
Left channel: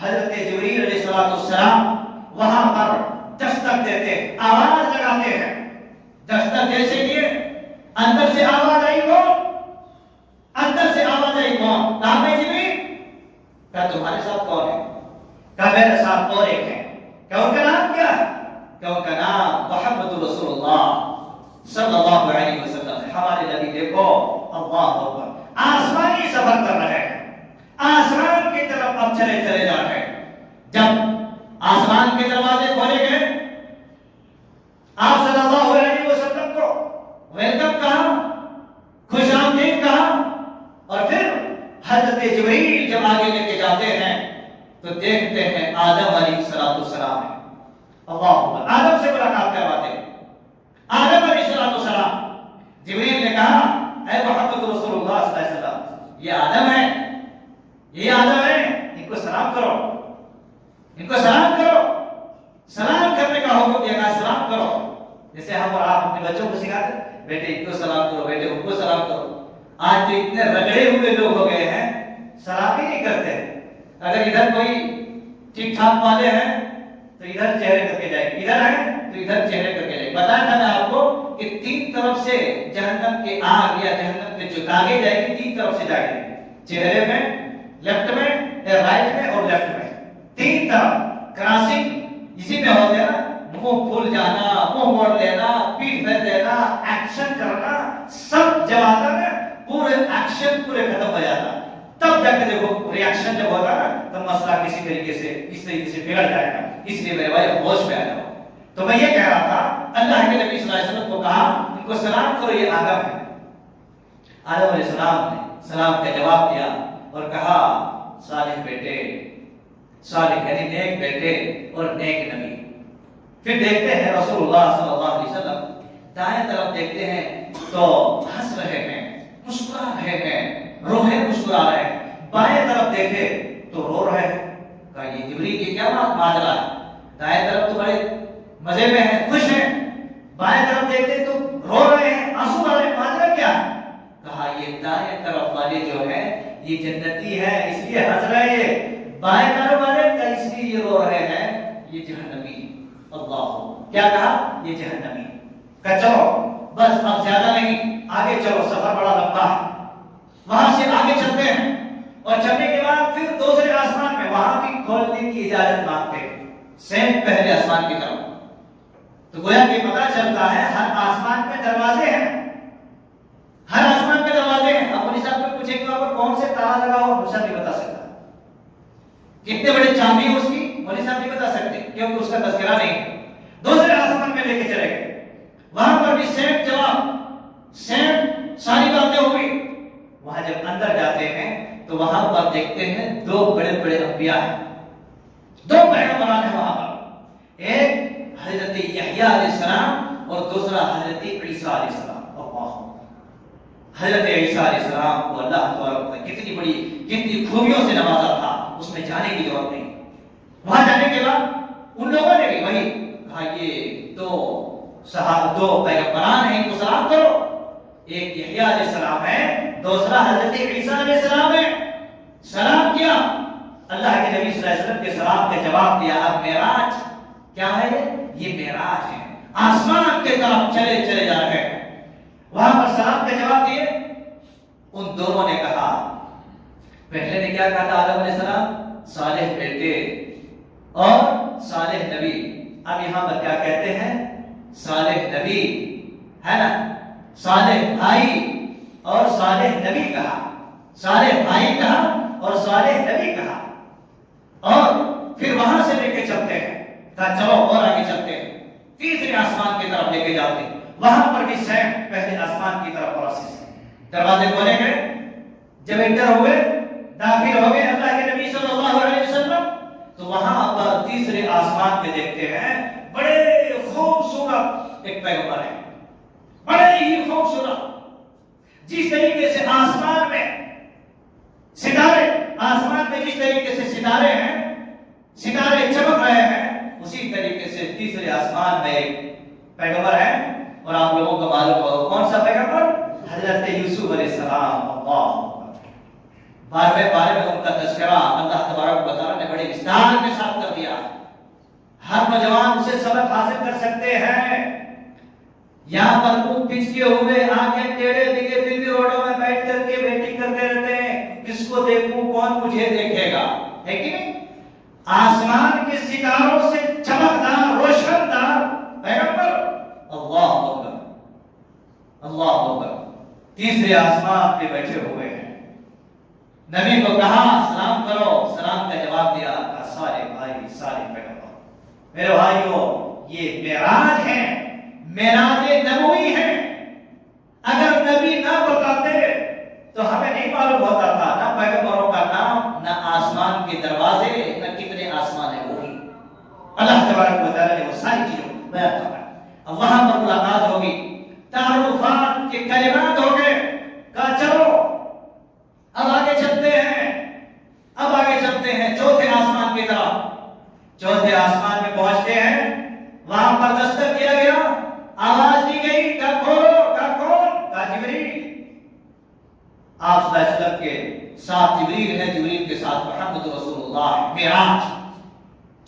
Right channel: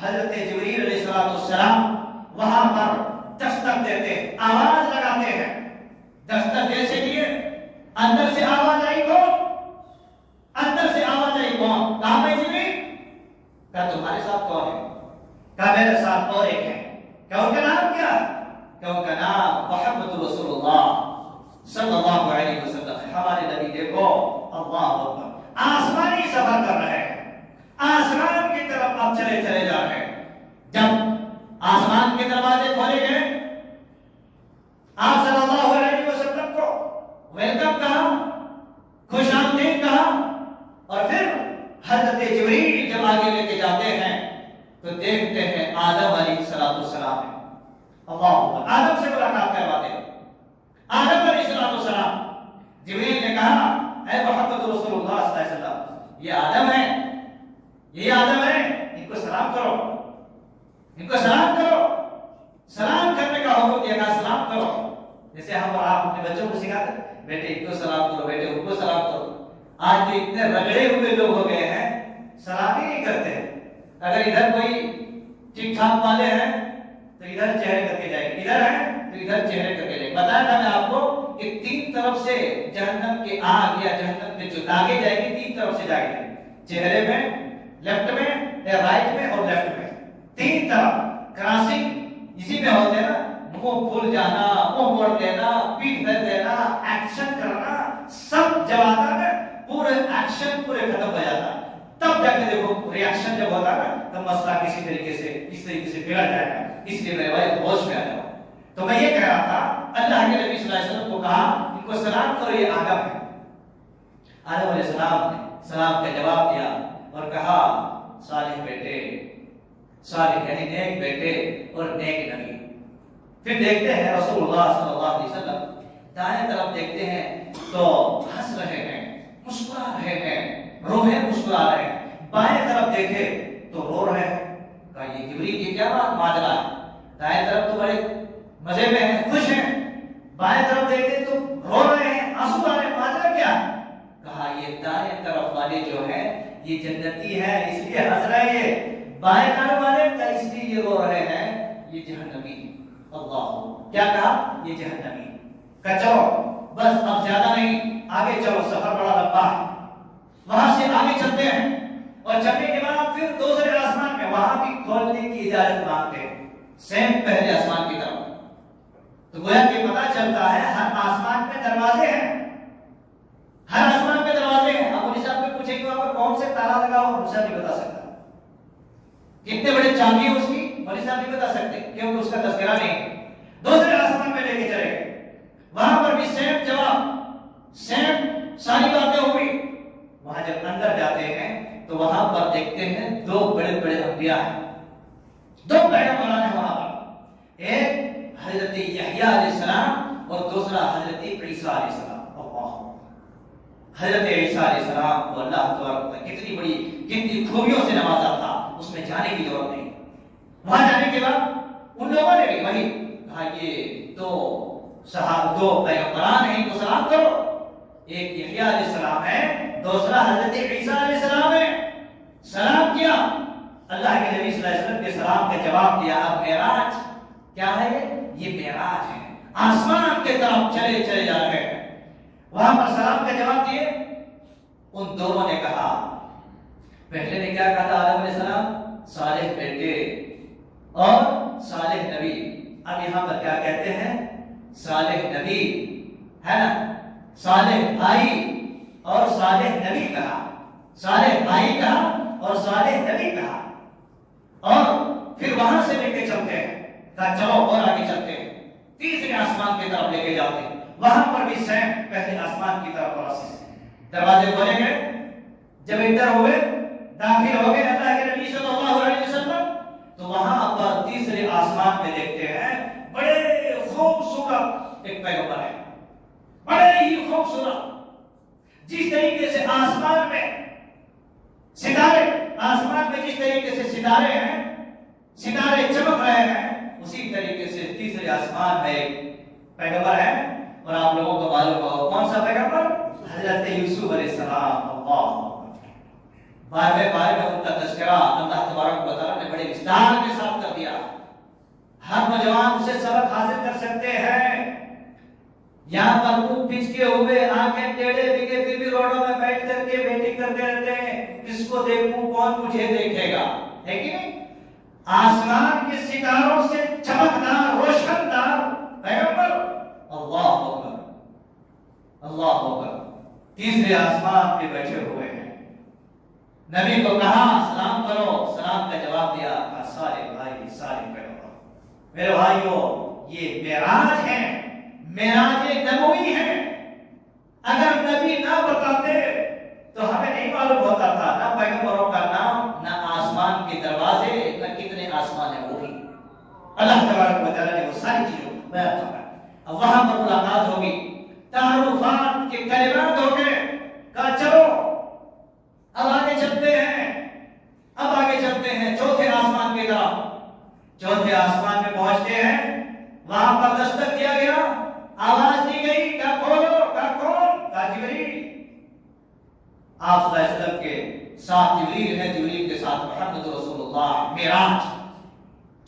حضرت جبریل علیہ السلام وہاں پر دستک دیتے، آواز لگاتے ہیں۔ دستک جیسے کیے، اندر سے آواز آئی کون؟ اندر سے آواز آئی کون؟ کہا میں جبریل، کہا تمہارے ساتھ کون ہے؟ کہا میرے ساتھ اور ایک ہے۔ کہا ان کا نام کیا ہے؟ کہا ان کا نام محمد رسول اللہ صلی اللہ علیہ وسلم ہے۔ ہمارے نبی دیکھو، اللہ اکبر، آسمانی سفر کر رہے ہیں، آسمان کی طرف اب چلے جا رہے ہیں۔ جب آسمان کے دروازے کھولے گئے، آپ صلی اللہ علیہ وسلم کو ویلکم کہا، خوش آمدید کہا، اور پھر حضرت جبریل جب آگے لے کے جاتے ہیں تو دیکھتے ہیں آدم علیہ السلام ہے۔ اللہ اکبر، آدم سے ملاقات کرواتے ہیں۔ آدم علیہ السلام، جبریل نے کہا اے محمد رسول اللہ صلی اللہ علیہ وسلم، یہ آدم ہے، یہ آدم ہے، ان کو سلام کرو، ان کو سلام کرو۔ سلام کرنے کا حکم دیا گیا، سلام کرو، جیسے ہم اور آپ اپنے بچوں کو سکھاتے ہیں، بیٹے ان کو سلام کرو، بیٹے ان کو سلام کرو۔ آج تو اتنے رگڑے ہوئے لوگ ہو گئے ہیں، سلام ہی نہیں کرتے۔ اگر ادھر کوئی ٹھیک ٹھاک والے ہیں تو ادھر چہرے کر کے جائے گی، ادھر ہے تو ادھر چہرے کر کے جائے گی۔ بتایا تھا میں آپ کو کہ تین طرف سے جہنم کے آگ یا جہنم کے جو داغے جائے گی، تین طرف سے جائے گی، چہرے میں، لیفٹ میں، رائٹ میں اور لیفٹ میں، تین طرف کراسنگ اسی میں ہوتے ہیں نا، منہ پھول جانا، منہ موڑ دینا، پیٹھ پھیر دینا، ایکشن کرنا، سب جب آتا نا پورے ایکشن پورے ختم ہو جاتا، تب جا کے دیکھو ری ایکشن جب ہوتا نا تو مسئلہ کسی طریقے سے اس طریقے سے بگڑ جائے گا۔ اس لیے میرے بھائی ہوش میں آ جاؤ۔ تو میں یہ کہہ رہا تھا، اللہ کے نبی صلی اللہ علیہ وسلم کو کہا ان کو سلام کرو، یہ آدم ہے۔ آدم علیہ السلام نے سلام کا جواب دیا اور کہا صالح بیٹے، صالح یعنی نیک بیٹے اور نیک نبی۔ پھر دیکھتے ہیں رسول اللہ صلی اللہ علیہ وسلم دائیں طرف دیکھتے ہیں تو ہنس رہے ہیں، مسکرا رہے ہیں، روحیں مسکرا رہے ہیں۔ بائیں طرف دیکھے تو رو رہے ہیں۔ کہا یہ جبریل کی کیا بات ماجرا ہے؟ دائیں طرف تو بڑے مزے میں ہیں، خوش ہیں، بائیں طرف دیکھتے تو رو رہے ہیں، آنسو آ رہے ہیں، ماجرا کیا ہے؟ کہا یہ دائیں طرف والے جو ہیں یہ جنتی ہے اس لیے ہنس رہے ہیں، بائیں طرف والے کا اس لیے یہ رو رہے ہیں، یہ جہنمی۔ اللہ، کیا کہا؟ یہ جہنمی۔ کہا چلو بس اب زیادہ نہیں، آگے چلو، سفر بڑا لمبا ہے۔ وہاں سے آگے چلتے ہیں اور چلنے کے بعد پھر دوسرے آسمان میں وہاں بھی کھولنے کی اجازت مانگتے ہیں، سیم پہلے آسمان کی طرف۔ تو گویا کہ پتہ چلتا ہے ہر آسمان میں دروازے ہیں، ہر آسمان میں دروازے ہیں۔ اب مولوی صاحب کو پوچھیں کہ وہاں پر کون سے تالا لگا ہو، مولوی صاحب نہیں بتا سکتا۔ کتنے بڑے چاندی ہے اس کی، مولوی صاحب نہیں بتا سکتے کیونکہ اس کا تذکرہ نہیں ہے۔ دوسرے آسمان میں لے کے چلے گئے، وہاں پر بھی سیم جواب، سیم ساری باتیں ہوئی۔ وہاں جب اندر جاتے ہیں تو وہاں پر دیکھتے ہیں دو بڑے بڑے انبیاء ہیں، دو پیغمبران ہیں وہاں پر، ایک حضرت یحییٰ علیہ السلام اور دوسرا حضرت عیسیٰ علیہ السلام۔ حضرت عیسیٰ علیہ السلام کو اللہ تبارک و تعالیٰ کتنی بڑی کتنی خوبیوں سے نوازا تھا، اس میں جانے کی ضرورت نہیں۔ وہاں جانے کے بعد ان لوگوں نے بھی وہی کہا یہ دو پیغمبران ہیں، ان کو سلام کرو۔ ایک یحییٰ علیہ السلام ہے، دوسرا حضرت عیسیٰ علیہ السلام ہے۔ سلام کیا، اللہ کے نبی صلی اللہ علیہ وسلم کے سلام کے جواب دیا۔ اب معراج کیا ہے؟ یہ معراج ہے، آسمان کی طرف چلے جا رہے ہیں۔ وہاں پر سلام کا جواب دیے۔ ان دونوں نے کہا، پہلے نے کیا کہا تھا آدم علیہ السلام؟ صالح بیٹے اور صالح نبی. اب یہاں پر کیا کہتے ہیں؟ صالح نبی ہے نا، صالح بھائی اور صالح نبی کہا، صالح بھائی کہا اور صالح نبی کہا. اور پھر وہاں سے لے کے چلتے ہیں، کہا چلو اور آگے چلتے ہیں، تیسرے آسمان کی طرف لے کے جاتے ہیں. وہاں پر بھی سیم پہلے آسمان کی طرف پروسیس ہے. دروازے کھولے گئے، جب انٹر ہوئے، داخل ہو گئے اللہ کے نبی صلی اللہ علیہ وسلم، تو وہاں پر تیسرے آسمان میں دیکھتے ہیں بڑے خوبصورت ایک پیغمبر ہے، بڑے ہی خوبصورت. جس طریقے سے آسمان میں ستارے، آسمان میں جس طریقے سے ستارے ہیں، ستارے چمک رہے ہیں، اسی طریقے سے تیسرے آسمان میں ایک پیغمبر ہے. اور آپ لوگوں کو معلوم ہو کون سا پیغمبر؟ حضرت یوسف علیہ السلام. بارے میں ان کا تذکرہ اللہ تبارک و تعالیٰ نے بڑے وسطار کے ساتھ کر دیا. ہر نوجوان اسے سبق حاصل کر سکتے ہیں. یہاں پر منہ پھچکے ہوئے، آنکھیں ٹیڑھے بگے، پھر بھی روڈوں میں بیٹھ کر کے ویٹنگ کرتے رہتے ہیں، کس کو دیکھوں، کون مجھے دیکھے گا، ہے کہ نہیں؟ آسمان کے ستاروں سے چمکدار، روشن دار پیغمبر. اللہ اکبر، اللہ اکبر. تیسرے آسمان پہ بیٹھے ہوئے ہیں. نبی کو کہا سلام کرو، سلام کا جواب دیا، کہا سارے بھائی، سارے پیغمبر. میرے بھائیو، یہ معراج ہے، معراج نبوی ہے. اگر نبی نہ بتاتے تو ہمیں نہیں معلوم ہوتا تھا نہ پیغمبروں کا نام، نہ آسمان کے دروازے، نہ کتنے آسمان ہیں. وہی اللہ تبارک و تعالیٰ نے وہ ساری چیزیں بیان فرمائی. اب وہاں پر ملاقات ہوگی، تعارفات کے کلمات ہو گئے. کہا چلو اب آگے چلتے ہیں، اب آگے چلتے ہیں چوتھے آسمان کی طرف. چوتھے آسمان میں پہنچتے ہیں، وہاں پر دستک کیا گیا، آواز دی گئی، کہا کھولو. کہا کون؟ کہا جبریل. آپ صلی اللہ علیہ وسلم کے ساتھ جبریل ہے، جبریل کے ساتھ محمد رسول اللہ. معراج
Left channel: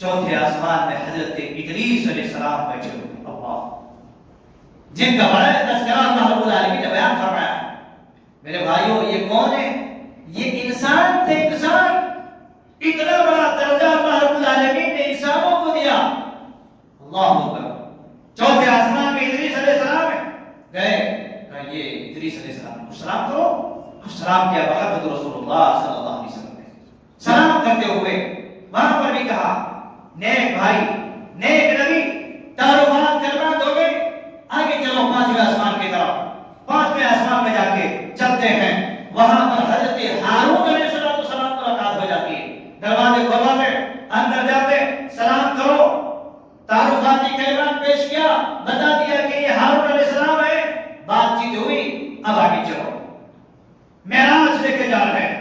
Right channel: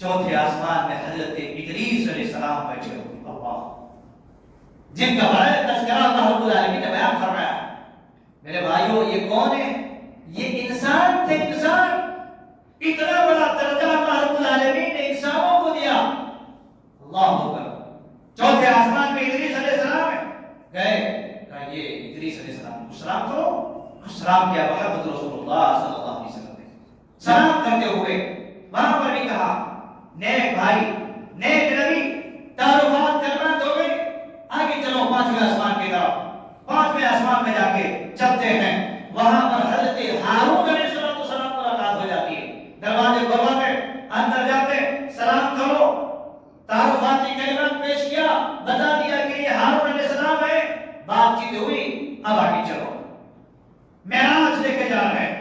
چوتھے آسمان میں حضرت ادریس علیہ السلام بیٹھے ہوئے، اللہ جن کا بڑا تذکرہ اللہ رب العالمین نے بیان فرمایا. میرے بھائیوں، یہ کون ہے؟ یہ انسان تھے. انسان، اتنا بڑا درجہ اللہ رب العالمین نے انسانوں کو دیا. اللہ اکبر. چوتھے آسمان میں ادریس علیہ السلام گئے، کہا یہ ادریس علیہ السلام کو سلام کرو. سلام کیا محمد رسول اللہ صلی اللہ علیہ وسلم نے. سلام کرتے ہوئے وہاں پر بھی کہا نیک بھائی، نیک نبی، تعارفات کلمات ہو گئی. آگے چلو پانچویں آسمان کی طرف. پانچویں آسمان میں جا کے چلتے ہیں، وہاں پر حضرت ہارون علیہ السلام ملاقات ہو جاتی ہے. دروازے کھولواتے، اندر جاتے، سلام کرو، تعارفاتی کلمات پیش کیا، بتا دیا کہ یہ ہارون علیہ السلام ہے. بات چیت ہوئی. اب آگے چلو، معراج لے کے جا رہے ہیں،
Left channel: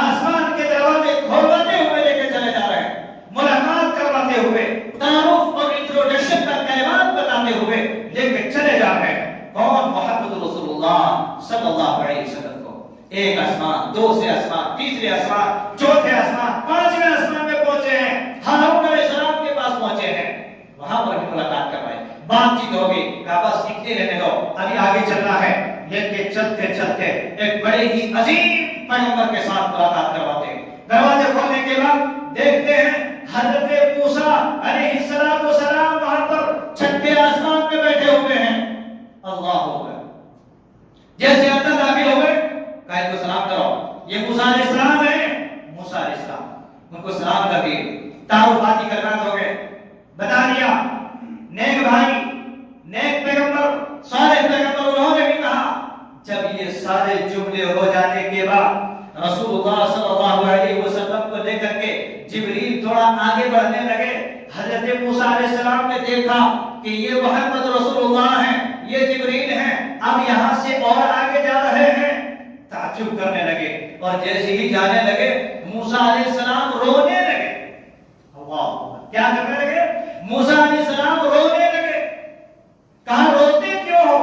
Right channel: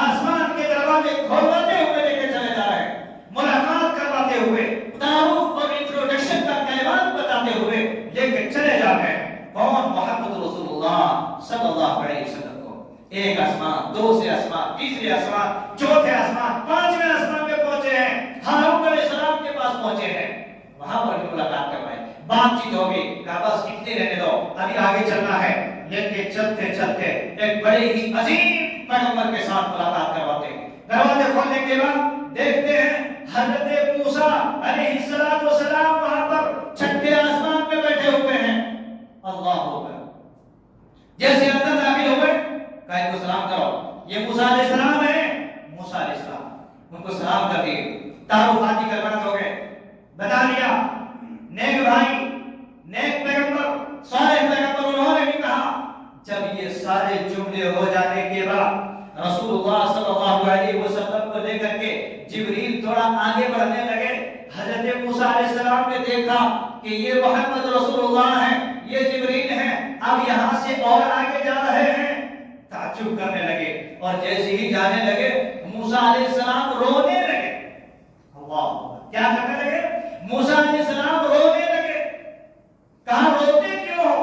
آسمان کے دروازے کھولواتے ہوئے لے کے چلے جا رہے ہیں، ملاقات کرواتے ہوئے، تعارف اور انٹروڈکشن کا کلمات بتاتے ہوئے لے کے چلے جا رہے ہیں. کون؟ محمد رسول اللہ صلی اللہ علیہ وسلم کو. ایک آسمان، دوسرے آسمان، تیسرے آسمان، چوتھے آسمان، پانچویں آسمان میں پہنچے ہیں. ہارون علیہ السلام کے پاس پہنچے ہیں، وہاں پر ملاقات کروائی، بات چیت ہوگی. کہا بس اتنے رہنے دو، ابھی آگے چلنا ہے. لے کے چلتے چلتے ایک بڑے ہی عظیم پیغمبر کے ساتھ ملاقات کرواتے ہیں. دروازے کھولنے کے بعد دیکھتے ہیں حضرت موسیٰ علیہ السلام وہاں پر چھٹے آسمان پہ بیٹھے ہوئے ہیں. اللہ اکبر. جیسے اندر داخل ہوئے، کہا ان کو سلام کرو، یہ موسیٰ علیہ السلام ہے. موسیٰ علیہ السلام ان کو سلام کر دیے. تعارفاتی کلمات ہو گئے، بتا دیا نیک بھائی، نیک پیغمبر، صالح پیغمبر. انہوں نے بھی کہا. جب یہ سارے جملے ہو جانے کے بعد رسول اللہ صلی اللہ علیہ وسلم کو لے کر کے جبریل تھوڑا آگے بڑھنے لگے. حضرت موسیٰ علیہ السلام نے دیکھا کہ یہ محمد رسول اللہ ہیں، یہ جبریل ہیں، اب یہاں سے اور آگے جا رہے ہیں. تعجب کرنے لگے، اور جیسے ہی جانے لگے موسیٰ علیہ السلام رونے لگے. اللہ، کیا کرنے لگے؟ موسیٰ علیہ السلام رونے لگے. کہا روتے کیوں ہو؟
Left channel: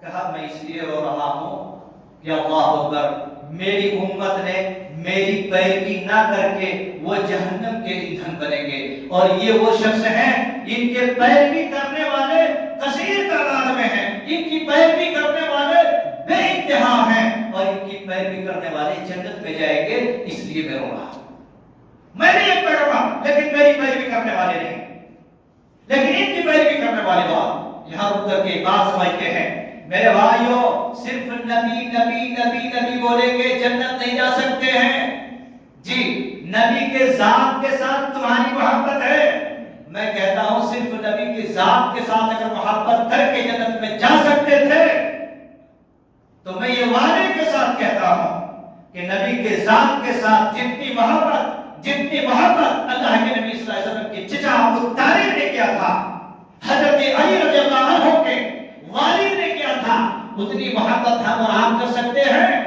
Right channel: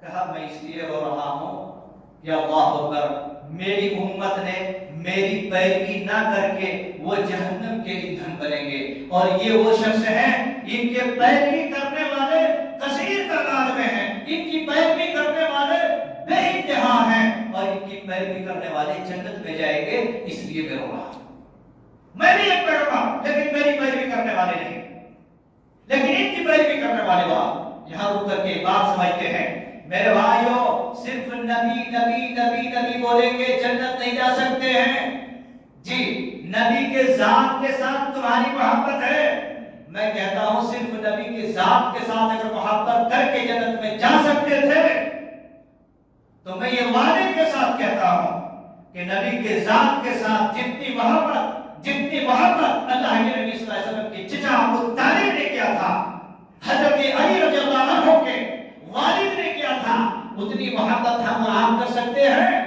کہا میں اس لیے رو رہا ہوں کہ اللہ اکبر، میری امت نے میری پیروی نہ کر کے وہ جہنم کے ایندھن بنیں گے، اور یہ وہ شخص ہیں ان کے پیروی کرنے والے کثیر تعداد میں ہیں، ان کی پیروی کرنے والے بے انتہا ہیں، اور ان کی پیروی کرنے والے جنت میں جائیں گے، اس لیے میں رو رہا ہوں. میں بھی ایک پیروکار، لیکن میری پیروی کرنے والے نہیں، لیکن ان کی پیروی کرنے والے لوگ یہاں رک کر کے بات سمجھتے ہیں۔ میرے بھائیوں، صرف نبی نبی نبی نبی بولے کہ جنت نہیں جا سکتے ہیں۔ جی، نبی کے ذات کے ساتھ تمہاری محبت ہے، میں کہتا ہوں صرف نبی کے ذات کے ساتھ اگر محبت کر کے جنت میں جا سکتے تھے تو میں یہ وعدے کے ساتھ کہتا ہوں کہ نبی کے ذات کے ساتھ جتنی محبت اللہ کے نبی صلی اللہ علیہ وسلم کی چچا ابو طالب نے کیا تھا، حضرت علی رضی اللہ عنہ کے والد نے کیا تھا، اتنی محبت ہم اور آپ کر سکتے ہیں؟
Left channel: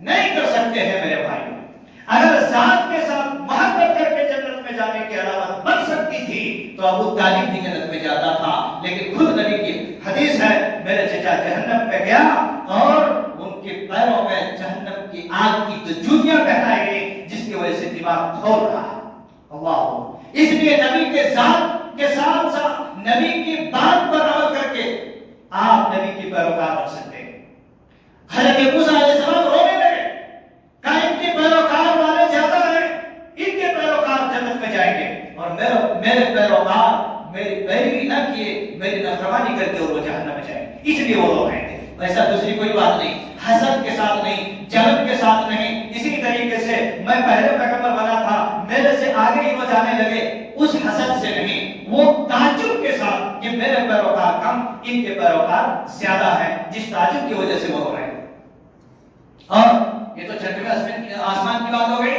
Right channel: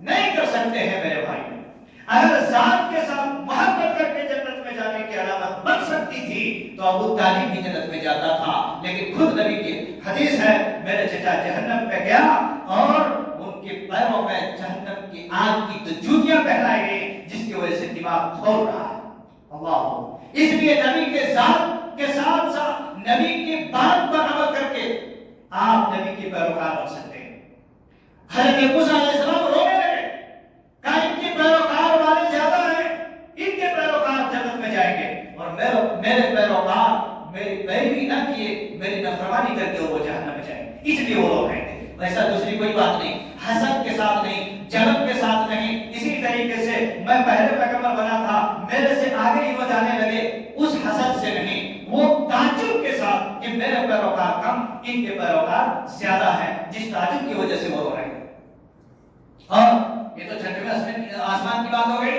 نہیں کر سکتے ہیں میرے بھائی۔ اگر ذات کے ساتھ محبت کر کے جنت میں جانے کی علامت بن سکتی تھی تو ابو طالب بھی جنت میں جاتا تھا، لیکن خود نبی کی حدیث ہے میرے چچا جہنم میں گیا اور ان کے پیروں میں جہنم کی آگ کی تو جوتیاں پہنائی گئی جس کی وجہ سے دماغ کھول رہا ہے۔ اللہ، اس لیے نبی کے ذات کے ساتھ ساتھ نبی کی بات پر عمل کر کے آپ نبی کی پیروکار بن سکتے ہیں۔ حضرت موسیٰ علیہ السلام رونے لگے، کہا ان کے پیروکار والے زیادہ ہیں، ان کے پیروکار جنت میں جائیں گے اور میرے پیروکار میری پیروی نہ کیے، میری نافرمانی کر کے اور وہ جہنم میں جائیں گے، اس لیے وہ لوگ ہیں۔ ایسا دوسری کوئی بات نہیں، حسد کے ساتھ نہیں، جلن کے ساتھ نہیں۔ اسی طریقے سے میں پہلے پیغمبر بنا تھا، میرے سے آگے ہی وہ جانے لگے، اس حسد سے نہیں، وہ تعجب کے ساتھ کہ میرے پیروکار کم، ان کے پیروکار زیادہ ہیں، جس تعجب کی وجہ سے وہ ہو رہے ہیں۔ اور یہ تو چھٹویں آسمان کی بات ہو گئی،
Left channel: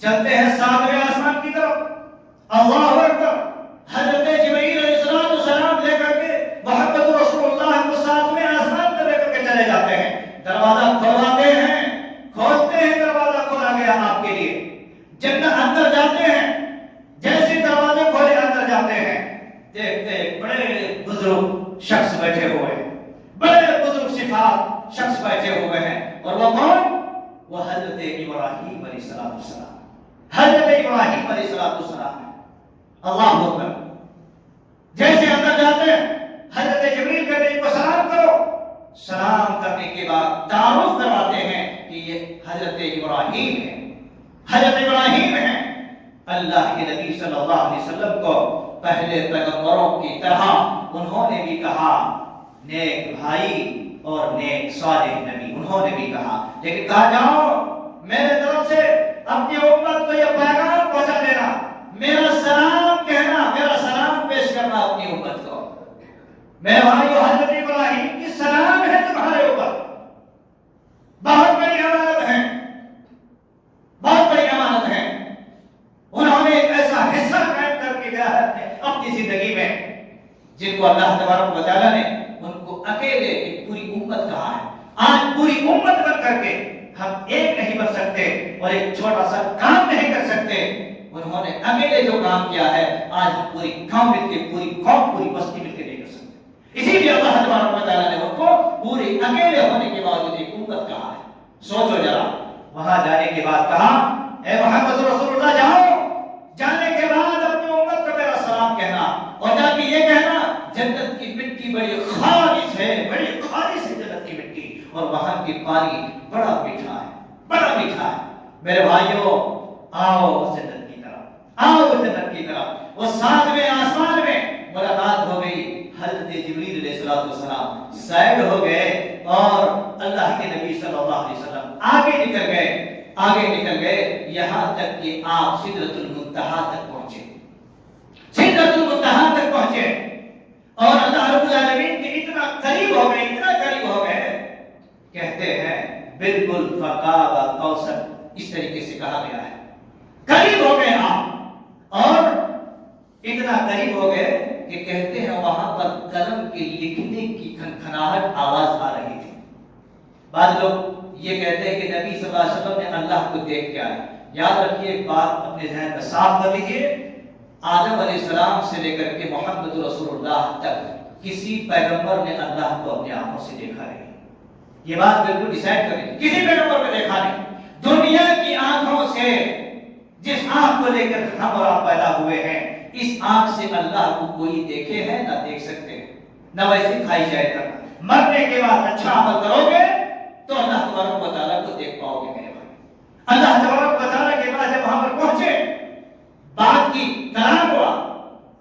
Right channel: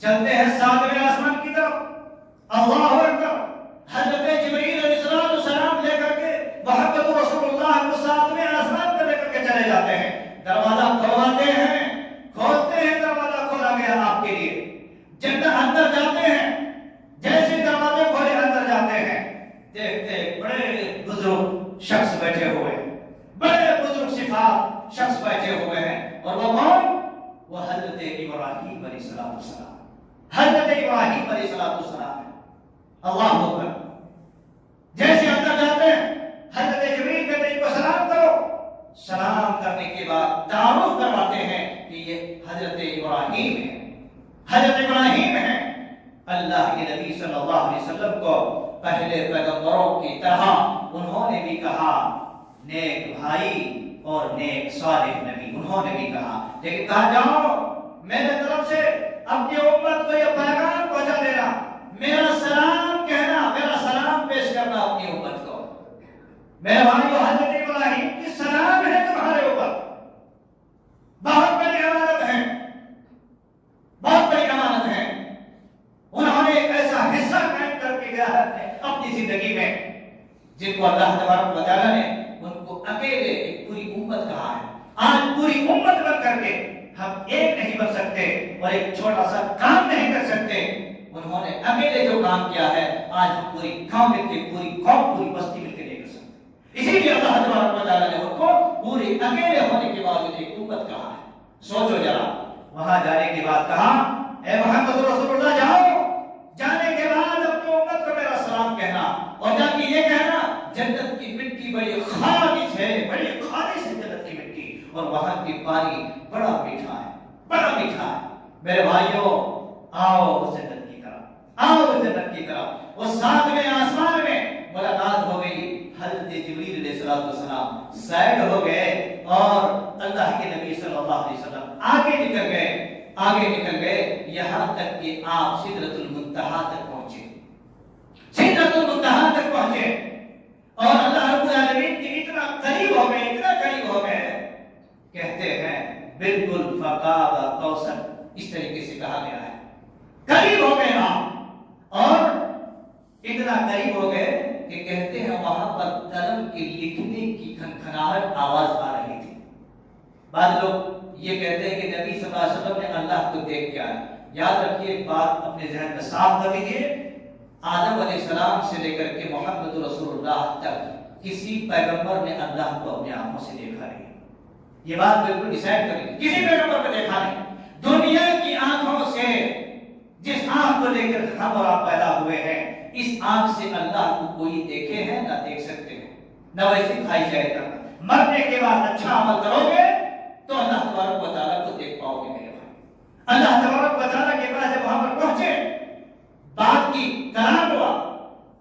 چلتے ہیں ساتویں آسمان کی طرف۔ اللہ اکبر، حضرت جبرائیل علیہ السلام لے کر کے محمد رسول اللہ کو ساتویں آسمان پر لے کر کے چلے جاتے ہیں، دروازہ کھولتے ہیں، دروازہ کھولا گیا آپ کے لیے، جنت اندر جاتے ہیں، جیسے دروازے کھولے اندر جاتے ہیں، دیکھتے بڑے بزرگ شخص بیٹھے ہوئے ہیں، بڑے بزرگ صفات شخص بیٹھے ہوئے ہیں، اور وہ کون؟ وہ حضرت ابراہیم علیہ السلام، حضرت ابراہیم علیہ السلام ہے۔ اللہ اکبر، جیسے اندر جاتے ہیں حضرت جبریل کہتے ہیں ان کو سلام کرو، سلام کرنے کے بعد تعارف کرواتے ہیں کہ یہ حضرت ابراہیم ہے، حضرت ابراہیم ہے۔ اللہ کے نبی صلی اللہ علیہ وسلم کو پہلے پیغمبروں کی طرح انہوں نے بھی کہا نیک بھائی اور نیک صالح نبی، انہوں نے بھی کہا، لیکن کہا جاؤ میرے طرف سے اپنی امت کو یہ پیغام پہنچا دینا، میرا سلام کہنا، میرا سلام پیش کرنا اپنی امت کو۔ میرے بھائیو، حضرت ابراہیم کی سلام ہے تمہارے اوپر، بہت بڑی امانت ہے، بہت بڑی امانت ہے۔ انہوں نے ایک ایسا حصہ قائم کر کے گیا ہے اپنی زندگی میں جن کو اللہ تبارک و تعالیٰ نے ان کو اکیلے ایک پوری امت کہا ہے۔ آج پوری امت بن کر کے ہم ایک نہیں بن سکتے اور ایک چھوٹا سا کام نہیں کر سکتے، انہوں نے اکیلے جو کام کیا ہے آج ہم پوری قوم مل کے، پوری قوم، پوری بستی مل کے نہیں کر سکتے۔ اسی لیے اللہ تبارک و تعالیٰ نے ان کو پورے اکیلے ہونے کے باوجود ایک امت کہا ہے۔ سوچو ذرا، وہاں جانے کے بعد کہا اے محمد رسول اللہ جاؤ، جانے کے بعد اپنی امت کو میرا سلام کہنا، اور جا کے یہ کہنا جنت کی مٹی بڑی خالص ہے، بڑی خالص ہے جنت کی مٹی، اور وہاں کی پانی بڑا میٹھا ہے، بڑا میٹھا ہے۔ میرے بھائیوں، آؤ جنت کی طرف، آؤ جنت کی طرف۔ وہ ساتویں آسمان میں ملاقات ہو گئی، حضرت جبریل علیہ السلام سائڈ ہو گئے اور اللہ کے نبی صلی اللہ علیہ وسلم آگے نکل گئے، یہاں تک کہ آپ سدرۃ المنتہا تک پہنچے، سدرۃ المنتہا تک پہنچے، اور اللہ رب العالمین کے اتنا قریب ہو گئے، اتنا قریب ہو گئے، کہتے ہیں بالکل فقاب قوسن، اس طریقے سے کہا گیا ہے، قریب ہو گئے آپ، اور اتنا قریب ہو گئے کہ کہتے ہیں وہاں پر قلم کے لکھنے کی کھنکھناہٹ آواز آ رہی تھی۔ بعض لوگ یہ کہتے ہیں کہ نبی صلی اللہ علیہ وسلم نے اللہ کو دیکھ کے آئے۔ یاد رکھیے ایک بات اپنے ذہن میں صاف کر لیجیے، آدم علیہ السلام سے لے کر کے محمد رسول اللہ تک کسی پیغمبر نے اللہ کو اپنی آنکھوں سے دیکھا نہیں۔ یہ بات بالکل ڈیسائیڈ کر لیجیے، کسی پیغمبر نے دیکھا نہیں۔ دنیا کی آنکھوں سے، جس آنکھ کو لے کر ہم اور آپ پیدا ہوئے ہیں، اس آنکھ سے اللہ کو کوئی دیکھے ہیں نہ دیکھ سکتے ہیں، نہ ویسے کھائی جائے گا۔ مرنے کے بعد اچھا عمل کرو گے تو اللہ تبارک و تعالیٰ کو دیکھ پاؤ گے میرے بھائی۔ اللہ تبارک و تعالیٰ کے بعد جب وہاں پر پہنچے بات کی، کلام ہوا،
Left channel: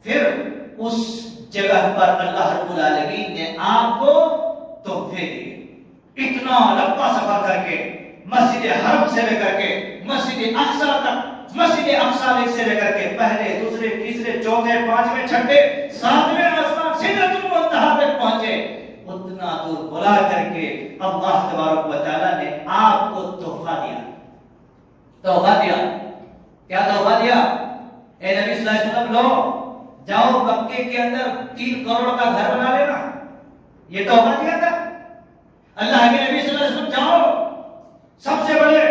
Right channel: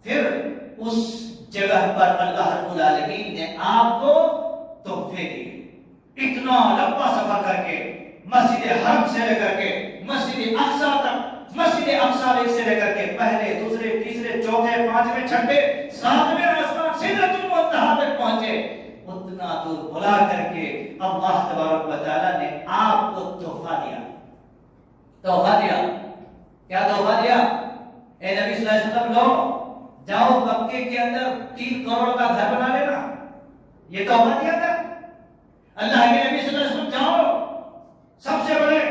پھر اس جگہ پر اللہ رب العالمین نے آپ کو تحفے دیے. اتنا لمبا سفر کر کے مسجد حرم سے لے کر کے مسجد اقصی تک، مسجد اقصی سے لے کر کے پہلے دوسرے تیسرے چوتھے پانچویں چھٹے ساتویں آسمان سدرۃ المنتہا تک پہنچے. اتنا دور بلا کر کے اللہ تبارک و تعالیٰ نے آپ کو تحفہ دیا. تحفہ دیا. کیا تحفہ دیا؟ اے نبی صلی اللہ علیہ وسلم لو جاؤ مکے کے اندر 3 کروڑ کا گھر بنا لینا. یہ تحفہ دیا تھا اللہ کے نبی صلی اللہ علیہ وسلم. جاؤ سب سے بڑے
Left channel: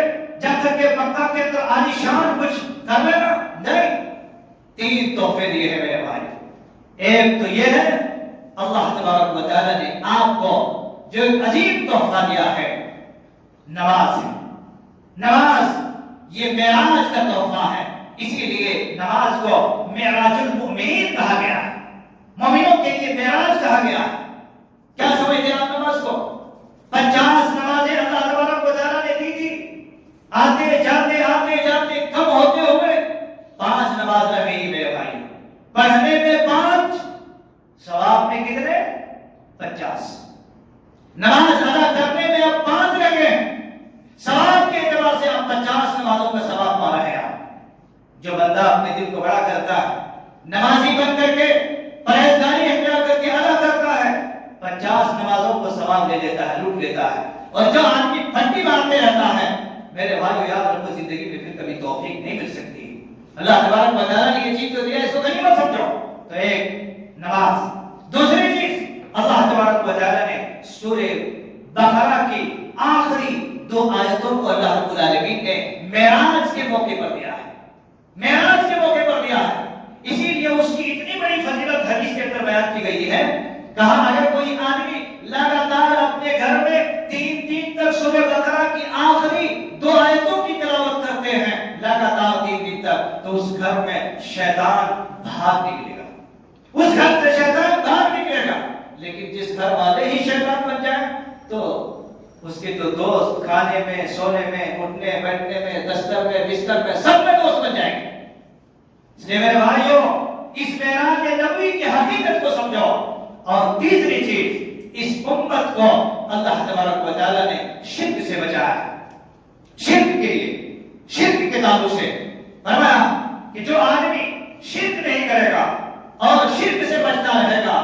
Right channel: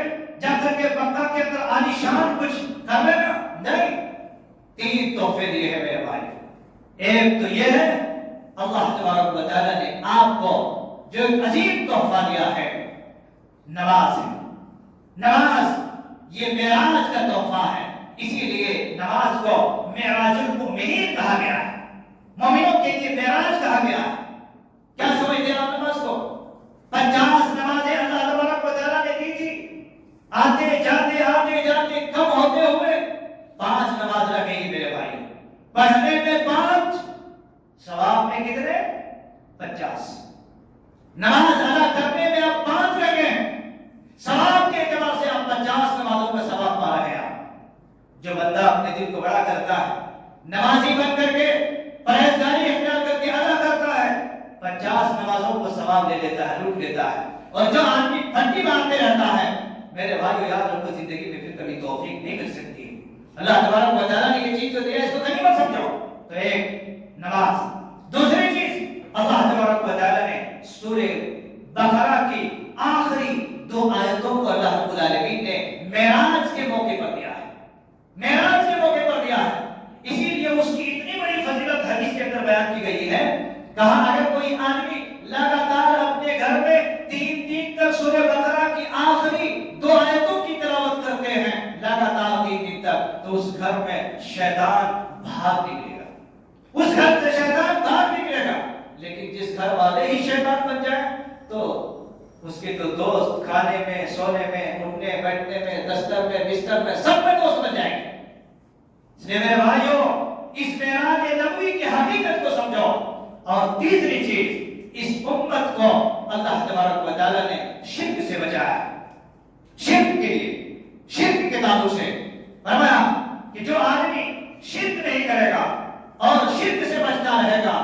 جب تک کہ مکہ کے اندر عالی شان کچھ کر لینا. نہیں، 3 تحفے دیے ہیں میرے بھائی. ایک تو یہ ہے اللہ تبارک و تعالیٰ نے آپ کو جو عظیم تحفہ دیا ہے نماز ہے. نماز یہ معراج کا تحفہ ہے. اسی لیے نماز کو معراج المؤمنین کہا گیا ہے. مومنوں کے لیے معراج کہا گیا ہے. کیا سمجھتے ہیں آپ نماز کو؟ 50 نمازیں اللہ تبارک و تعالیٰ نے دی تھی. آتے جاتے کم ہوتے ہوئے 5 نماز رہ گئی میرے بھائی. پڑھنے میں 5، ثواب میں کتنے؟ 50. نماز ادا کرنے میں اب 5 رہ گئے. ثواب کے اعتبار سے آپ 50 نمازوں کا ثواب پا رہے ہیں. جو بندہ اپنے دل کو بڑا کرتا ہے، نمازی بن کر کے پرہیزگاری اختیار کر کے ادا کرتا ہے، 50 نمازوں کو ثواب لے لیتا ہے، لوٹ لیتا ہے. اور جو آدمی پھٹی مارتے رہتا ہے میرے بھائیو یاد رکھو زندگی میں پھر کبھی توفیق نہیں مل سکتی. اللہ تبارک و تعالیٰ نے یہ چیز تو دی ہے، اس کو غنیمت سمجھو. تو ایک نماز. دوسری چیز اللہ تبارک و تعالیٰ نے سورہ بقرہ کی آخری 2 آیتوں کو اللہ رب العالمین نے معراج کے موقع پر دیا ہے. معراج کے موقع پر دیا ہے. اسی لیے اس کی اتنی بڑی فضیلت حدیث کے اندر بیان کی گئی ہے. کہا اگر کوئی آدمی لگاتار اپنے گھر میں 3 دن تک سورہ بقرہ کی آخری 2 آیتوں کی تلاوت کرتے ہیں لگاتار 3 دن تک، تو اس گھر میں شیطان بھاگ نکلے گا. اس گھر سے شیطان بھاگ نکلے گا. لیکن جس گھر والے ہی شیطان بن جائے تو اس کے تو دوست کھانے میں، سونے میں، اٹھنے بیٹھنے میں، دستر میں، بستر میں، سب میں دوست بن جائیں گے. اس لیے میرے بھائیوں اس معراج نبوی کی حقیقت کو سمجھو. اور تیسری چیز، اس امت کو اللہ تبارک و تعالیٰ نے شرک سے بچایا. شرک کے لیے، شرک کے تعلق سے فرمایا کہ جو آدمی شرک نہیں کرے گا اور شرک سے بچتا رہے گا،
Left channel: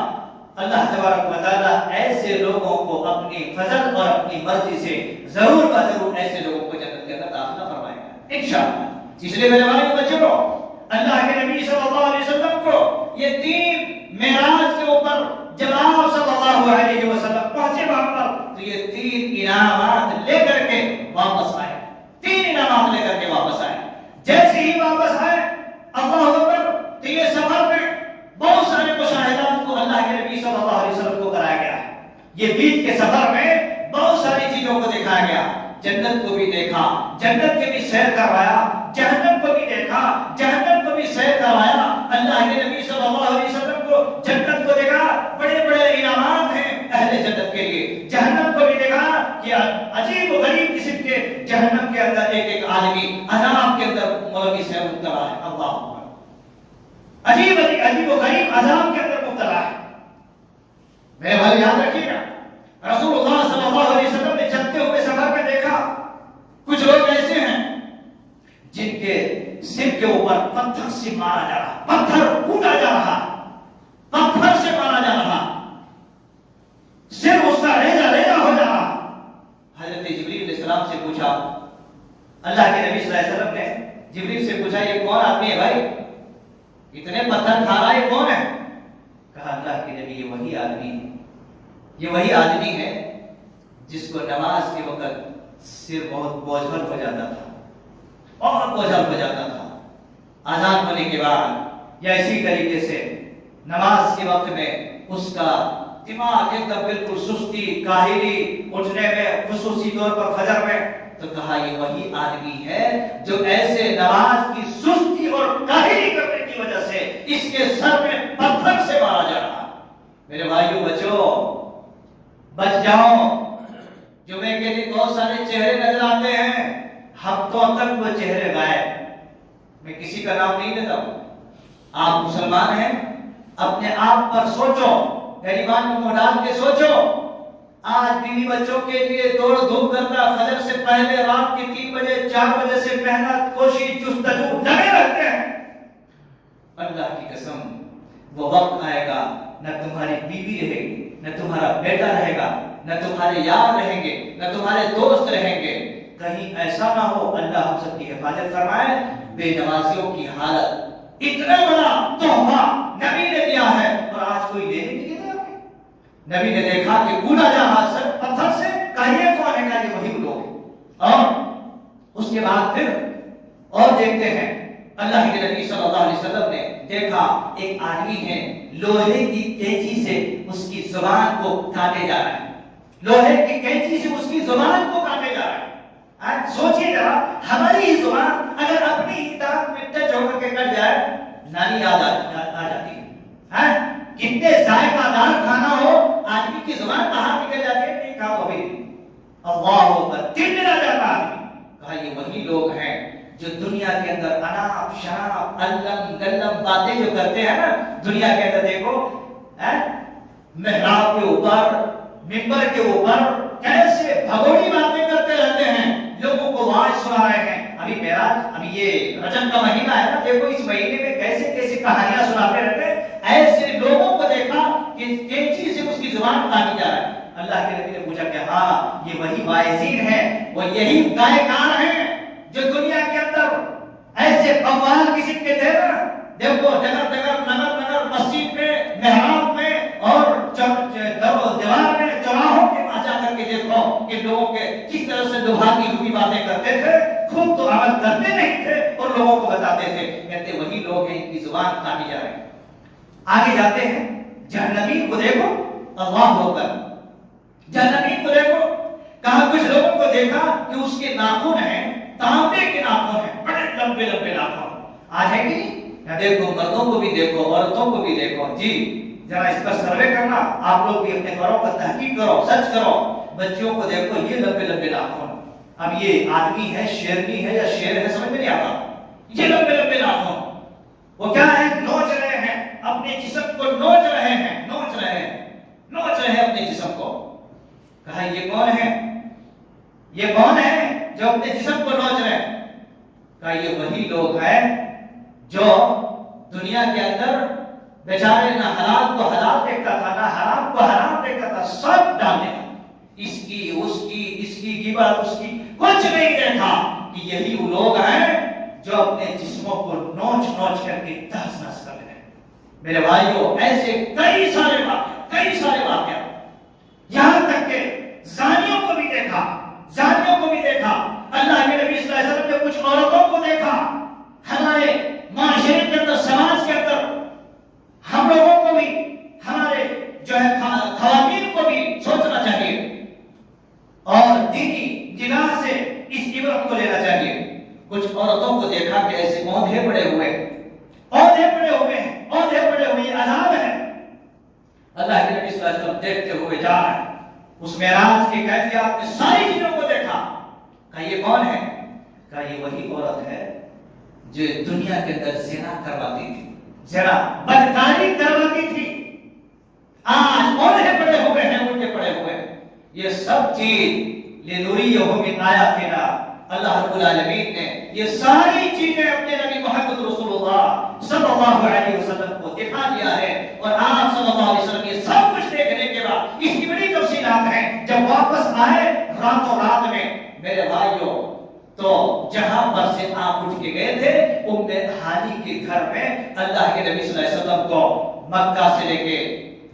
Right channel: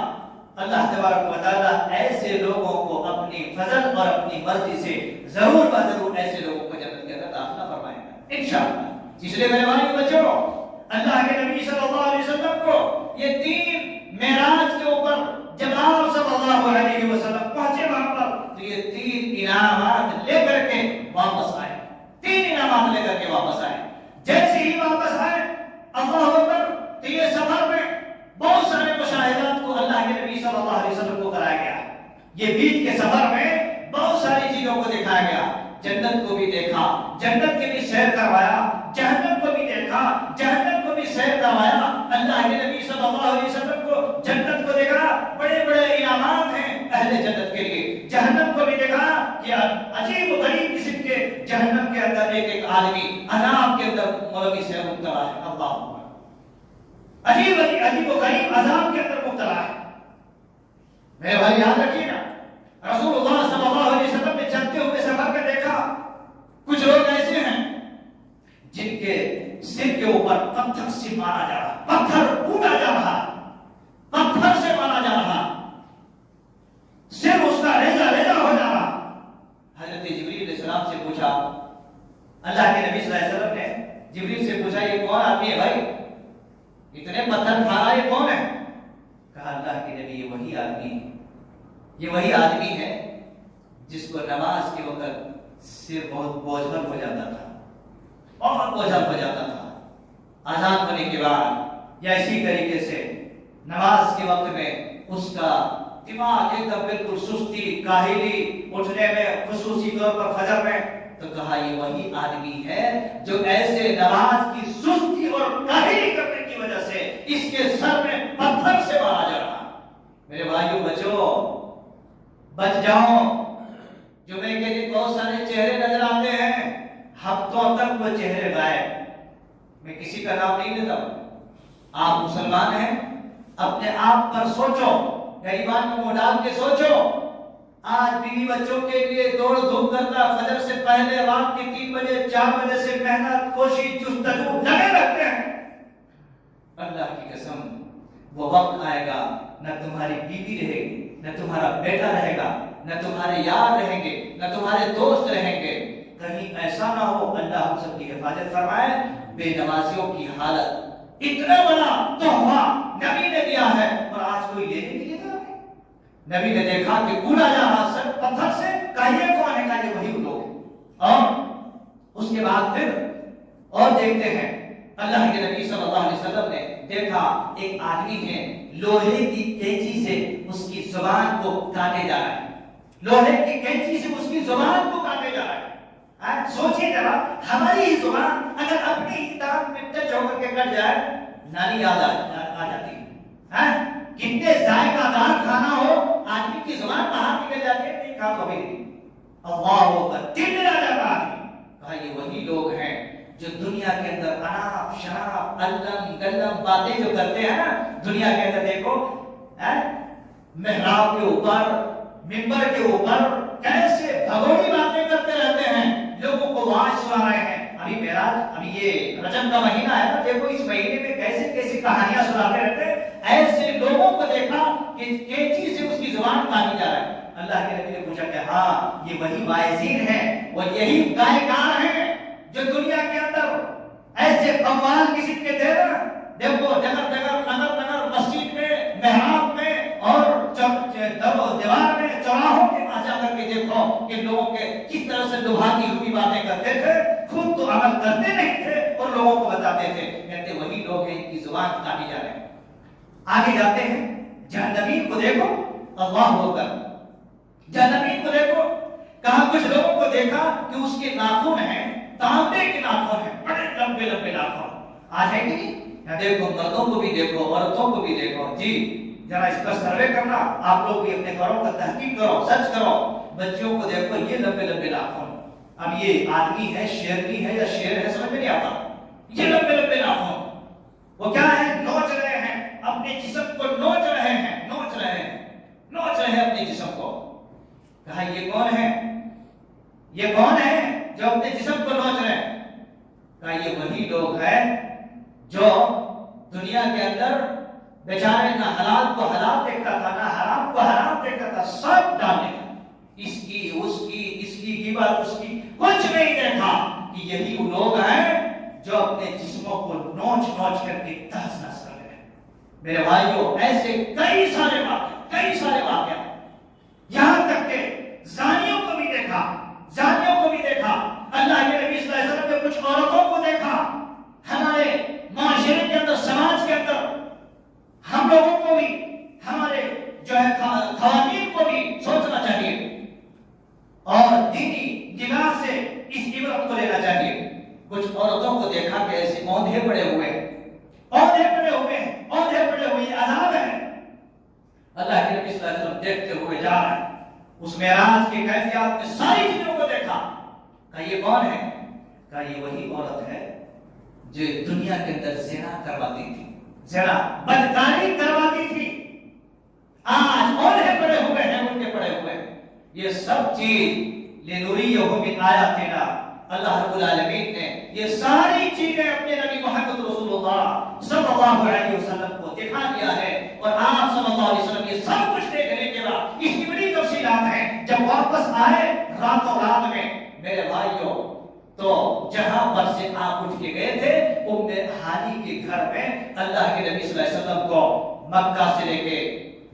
اللہ تبارک و تعالیٰ ایسے لوگوں کو اپنی فضل اور اپنی مرضی سے ضرور و ضرور ایسے لوگوں کو جنت کے اندر داخلہ فرمائے گا انشاءاللہ. اس لیے میرے بھائی بچوں، اللہ کے نبی صلی اللہ علیہ وسلم کو یہ 3 معراج کے اوپر جب آپ صلی اللہ علیہ وسلم پہنچے وہاں پر تو یہ 3 انعامات لے کر کے واپس آئے. 3 انعامات لے کر کے واپس آئے. جیسے ہی واپس آئے اللہ اکبر، تو یہ سفر میں بہت سارے مشاہدات کو اللہ کے نبی صلی اللہ علیہ وسلم کو کرایا گیا. یہ بیچ کے سفر میں بہت ساری چیزوں کو دکھایا گیا. جنت کو بھی دیکھا، جنت کے بھی سیر کروایا، جہنم کو بھی دیکھا، جہنم کو بھی سیر کروایا. اللہ کے نبی صلی اللہ علیہ وسلم کو جنت کو دیکھا، بڑے بڑے انعامات ہیں اہل جنت کے لیے. جہنم کو بھی دیکھا کہ عجیب و غریب قسم کے جہنم کے اندر ایک آدمی عذاب کے اندر مولوی سے مبتلا ہے. اللہ عجیب و غریب عذاب کے اندر مبتلا ہے. میرے بھائی یاد رکھیے نا، رسول اللہ صلی اللہ علیہ وسلم نے چلتے ہوئے سفر میں دیکھا کچھ لوگ ایسے ہیں جن کے سر کے اوپر پتھر سے مارا جا رہا، پتھر کوٹا جا رہا، پتھر سے مارا جا رہا، سر اس کا ریزہ ہو جا رہا. حضرت جبریل علیہ السلام سے پوچھا، اللہ کے نبی صلی اللہ علیہ وسلم نے جبریل سے پوچھا یہ کون آدمی ہے بھائی، اتنے پتھر کھا رہا یہ کون ہے؟ کہا اللہ کے نبی یہ وہی آدمی ہے، یہ وہی آدمی ہے جس کو نماز کے وقت سر بہت بوجھل ہو جاتا تھا اور بوجھل ہو جاتا تھا. اذان ہونے کے بعد یا اسی طریقے سے نماز کے وقت میں اس کا دماغ ایک دم بالکل سستی، کاہلی، اٹھنے میں خصوصی طور پر فجر میں. تو کہا یہ وہی آدمی ہے جو ایسے نماز کی سستی اور کاہلی کرنے کی وجہ سے اس کے سر میں پتھر سے مارا جا رہا. میرے بھائیو بچ جاؤ. جمعے کے دن بہت سارے چہرے نظر آتے ہیں، ہفتوں تک وہ چہرے غائب. میں کسی کا نام نہیں لیتا ہوں. آپ مسلمان ہیں، اپنے آپ پر سوچو، غریبان کو ڈال کے سوچو. آج بیوی بچوں کے لیے دوڑ دھوپ کرتا، فجر سے پہلے رات کے 3 بجے 4 بجے سے محنت کوشش جستجو لگے رہتے ہیں. اللہ کی قسم وہ وقت آئے گا نہ تمہاری بیوی رہے گی، نہ تمہارا بیٹا رہے گا، نہ تمہارے یار رہیں گے، نہ تمہارے دوست رہیں گے. کہیں ایسا نہ ہو، اللہ ہم سب کی حفاظت فرمائے، بے نمازیوں کی حالت. اتنا بڑا تحفہ نبی نے دیا ہے اور آج کوئی لے نہیں دیتا. نبی نے دیکھا کہ کوڑا جہاں سے پتھر سے کہیے کون ہے، کہ یہ وہی لوگ. اور اس کے بعد پھر اور دیکھتے ہیں، اللہ کے نبی صلی اللہ علیہ وسلم نے دیکھا ایک آدمی ہے لوہے کی کینچی سے اس کی زبان کو کاٹے جا رہا ہے. لوہے کی کینچی سے اس کی زبان کو کاٹے جا رہا ہے. سوچیے ذرا، ہماری ہی زبان اگر اپنی دانت میں ٹچ ہو کر کے کٹ جائے، نانی یاد آ جاتی ہے. کتنے ذائقہ دار کھانا ہو، آدمی کی زبان کہاں نکل جاتی ہے، نہیں کھا تو بھی اللہ اکبر دل آ جاتا آدمی. کہا یہ وہی لوگ ہیں جو دنیا کے اندر اناپ شناپ الم گلم باتیں جو کرتے ہیں نا. دنیا کے اندر دیکھو محراب کے اوپر، منبر کے اوپر کیسے بھگوڑی باتیں کرتے رہتے ہیں، لوگوں کو واعظ سنا رہے ہیں. ابھی معراج، ابھی یہ رجب کا مہینہ ہے نا، دیکھو اس مہینے میں کیسے کیسے کہانیاں سناتے رہتے ہیں. ایسے لوگوں کو دیکھا کہ کینچی سے اس کی زبان کاٹی جا رہا ہے. اللہ کے نبی نے پوچھا کہ ہاں یہ وہی واعظین ہیں، وہ یہی گائےکار ہیں جو دنیا کے اندر ایسے قوال قسم کے تھے نا. دیکھو جگہ جگہ نگر نگر مسجد میں، محراب میں اور دیوار میں، چوراہوں کے پاس جا کر کے دیکھو کہ لوگوں کے کس طرح سے دباتی ہوئی باتیں کرتے تھے. خود تو عمل کرتے نہیں تھے اور لوگوں کو بتاتے تھے. کہتے وہی لوگ ہیں، ان کی زبان کاٹی جا رہے ہیں. آگے جاتے ہیں، جہنمین کو دیکھو، اللہ اکبر. جہنمین کو دیکھو، کہاں کچھ لوگوں کو دیکھا کہ اس کے ناخن ہیں تانبے کے ناخن ہیں، بڑے لمبے لمبے ناخن. آج ہے کہ نہیں؟ دیکھو مردوں کو بھی دیکھو، عورتوں کو بھی دیکھو. جی ذرا اس پر سروے کرنا، آپ لوگ بھی اپنے گھروں کا تحقیق کرو، سرچ کرو. بچیوں کو دیکھو، یہ لمبے لمبے ناخن. اب یہ آدمی ہے، شیرنی ہے یا شیر ہے، سمجھ میں نہیں آتا. یہ لمبے لمبے ناخن وہ کیا ہے؟ نوچ رہے ہیں اپنے جسم کو، نوچ رہے ہیں، نوچ رہے ہیں، نوچ رہے ہیں اپنے جسم کو. کہا یہ کون ہے؟ یہ کون ہے جو اپنے جسم کو نوچ رہے ہیں؟ کہا یہ وہی لوگ ہیں جو دنیا کے اندر بیچارے نہ حلال کو حلال دیکھتا تھا، نہ حرام کو حرام دیکھتا تھا، سب ڈالنے اس کی اس کی اس کی غیبت، اس کی کچھ نہیں دیکھا. کہ یہی وہ لوگ ہیں جو اپنے جسموں کو نوچ نوچ کر کے تہس نہس کر رہے ہیں. میرے بھائیوں ایسے کئی سارے واقعات، یہاں تک کہ زانیوں کو بھی دیکھا، زانیوں کو بھی دیکھا. اللہ کے نبی صلی اللہ علیہ وسلم نے کچھ عورتوں کو دیکھا. ہمارے معاشرے کے اندر، سماج کے اندر ہم لوگوں کو بھی، ہمارے جو ہے خواتین کو بھی سوچنا چاہیے اور دینی نگاہ سے اس عبرت کو لینا چاہیے. کچھ عورتوں کو دیکھا کہ ایسے اوندھے پڑے ہوئے عذاب ہے. اللہ کے نبی صلی اللہ علیہ وسلم دیکھتے ہوئے جا رہے ہیں. اس معراج کے کیفیات میں ساری چیزوں کو دیکھا. کہا یہ کون ہے؟ کہا یہ وہی عورت ہے جو دنیا کے اندر زنا کرواتی تھی، زنا بدکاری کرواتی تھی. آج اوندھے پڑے ہوئے ہیں، الٹے پڑے ہوئے ہیں. یہ سب چیز لنوریہ من آیاتنا، اللہ رب العالمین نے یہ ساری چیزیں اپنے نبی محمد رسول اللہ صلی اللہ علیہ وسلم کو دکھا دیا ہے. اور آپ صلی اللہ علیہ وسلم یہ سب کچھ دیکھنے کے بعد اس کی بڑی تفصیلات ہیں. جب واپس آئے راتوں رات میں میرے بھائیوں، تو جہاں پر سے آپ اٹھ کے گئے تھے ام ہانی کے گھر میں، اللہ کے نبی صلی اللہ علیہ وسلم کو مکہ سے لے کے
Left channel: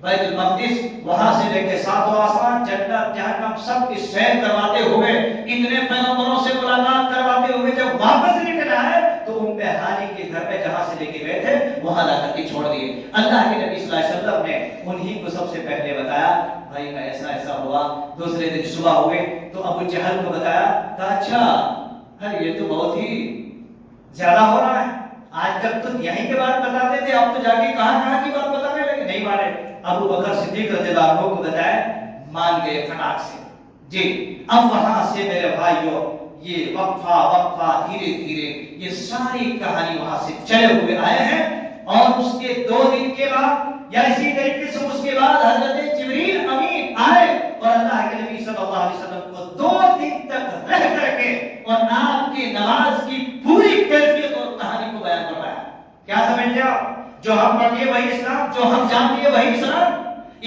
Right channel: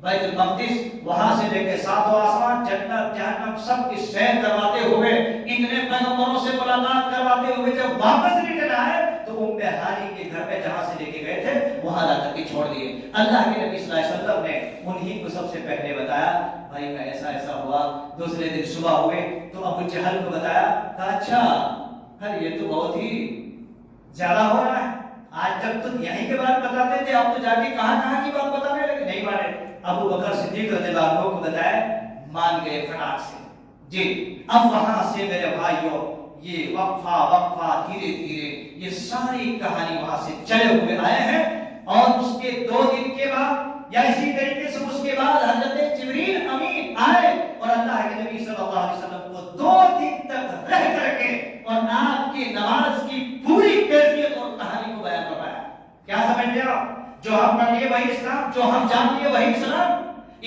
بیت المقدس، وہاں سے لے کے ساتوں آسمان، جنت جہنم سب کی سیر کرواتے ہوئے، اتنے پیغمبروں سے ملاقات کرواتے ہوئے جب واپس نکل آئے تو ام ہانی کے گھر میں جہاں سے لے کے گئے تھے وہاں لا کر کے چھوڑ دیے. اللہ کے نبی صلی اللہ علیہ وسلم نے انہی کو سب سے پہلے بتایا، بھائی کا ایسا ایسا ہوا. دوسرے دن صبح ہوئے تو ابو جہل کو بتایا. کہا اچھا یہ تو بہت ہی زیادہ ہو رہا ہے. آج تک تو یہیں کے بات بتاتے تھے، اب تو جا کے کہاں کی بات بتانے لگے. نہیں مانے. ابو بکر صدیق رضی اللہ عنہ کو بتایا، مان گئے فٹاک سے. جی اب وہاں سے میرے بھائیوں یہ وقفہ وقفہ دھیرے دھیرے یہ ساری کہانی وہاں سے چلے ہوئے آئے ہیں، اور اس کے 2 دن کے بعد یا اسی طریقے سے اس کے بعد حضرت جبریل امین آئے اور اللہ کے نبی صلی اللہ علیہ وسلم کو 2 دن تک رہ کر کے اور آپ کی نماز کی پوری کیفیت اور کہانی کو بیان کر رہا ہے۔ کیا سمجھتے ہو؟ جو ہم پڑھتے وہی اسلام، جو ہم جانتے وہی اسلام۔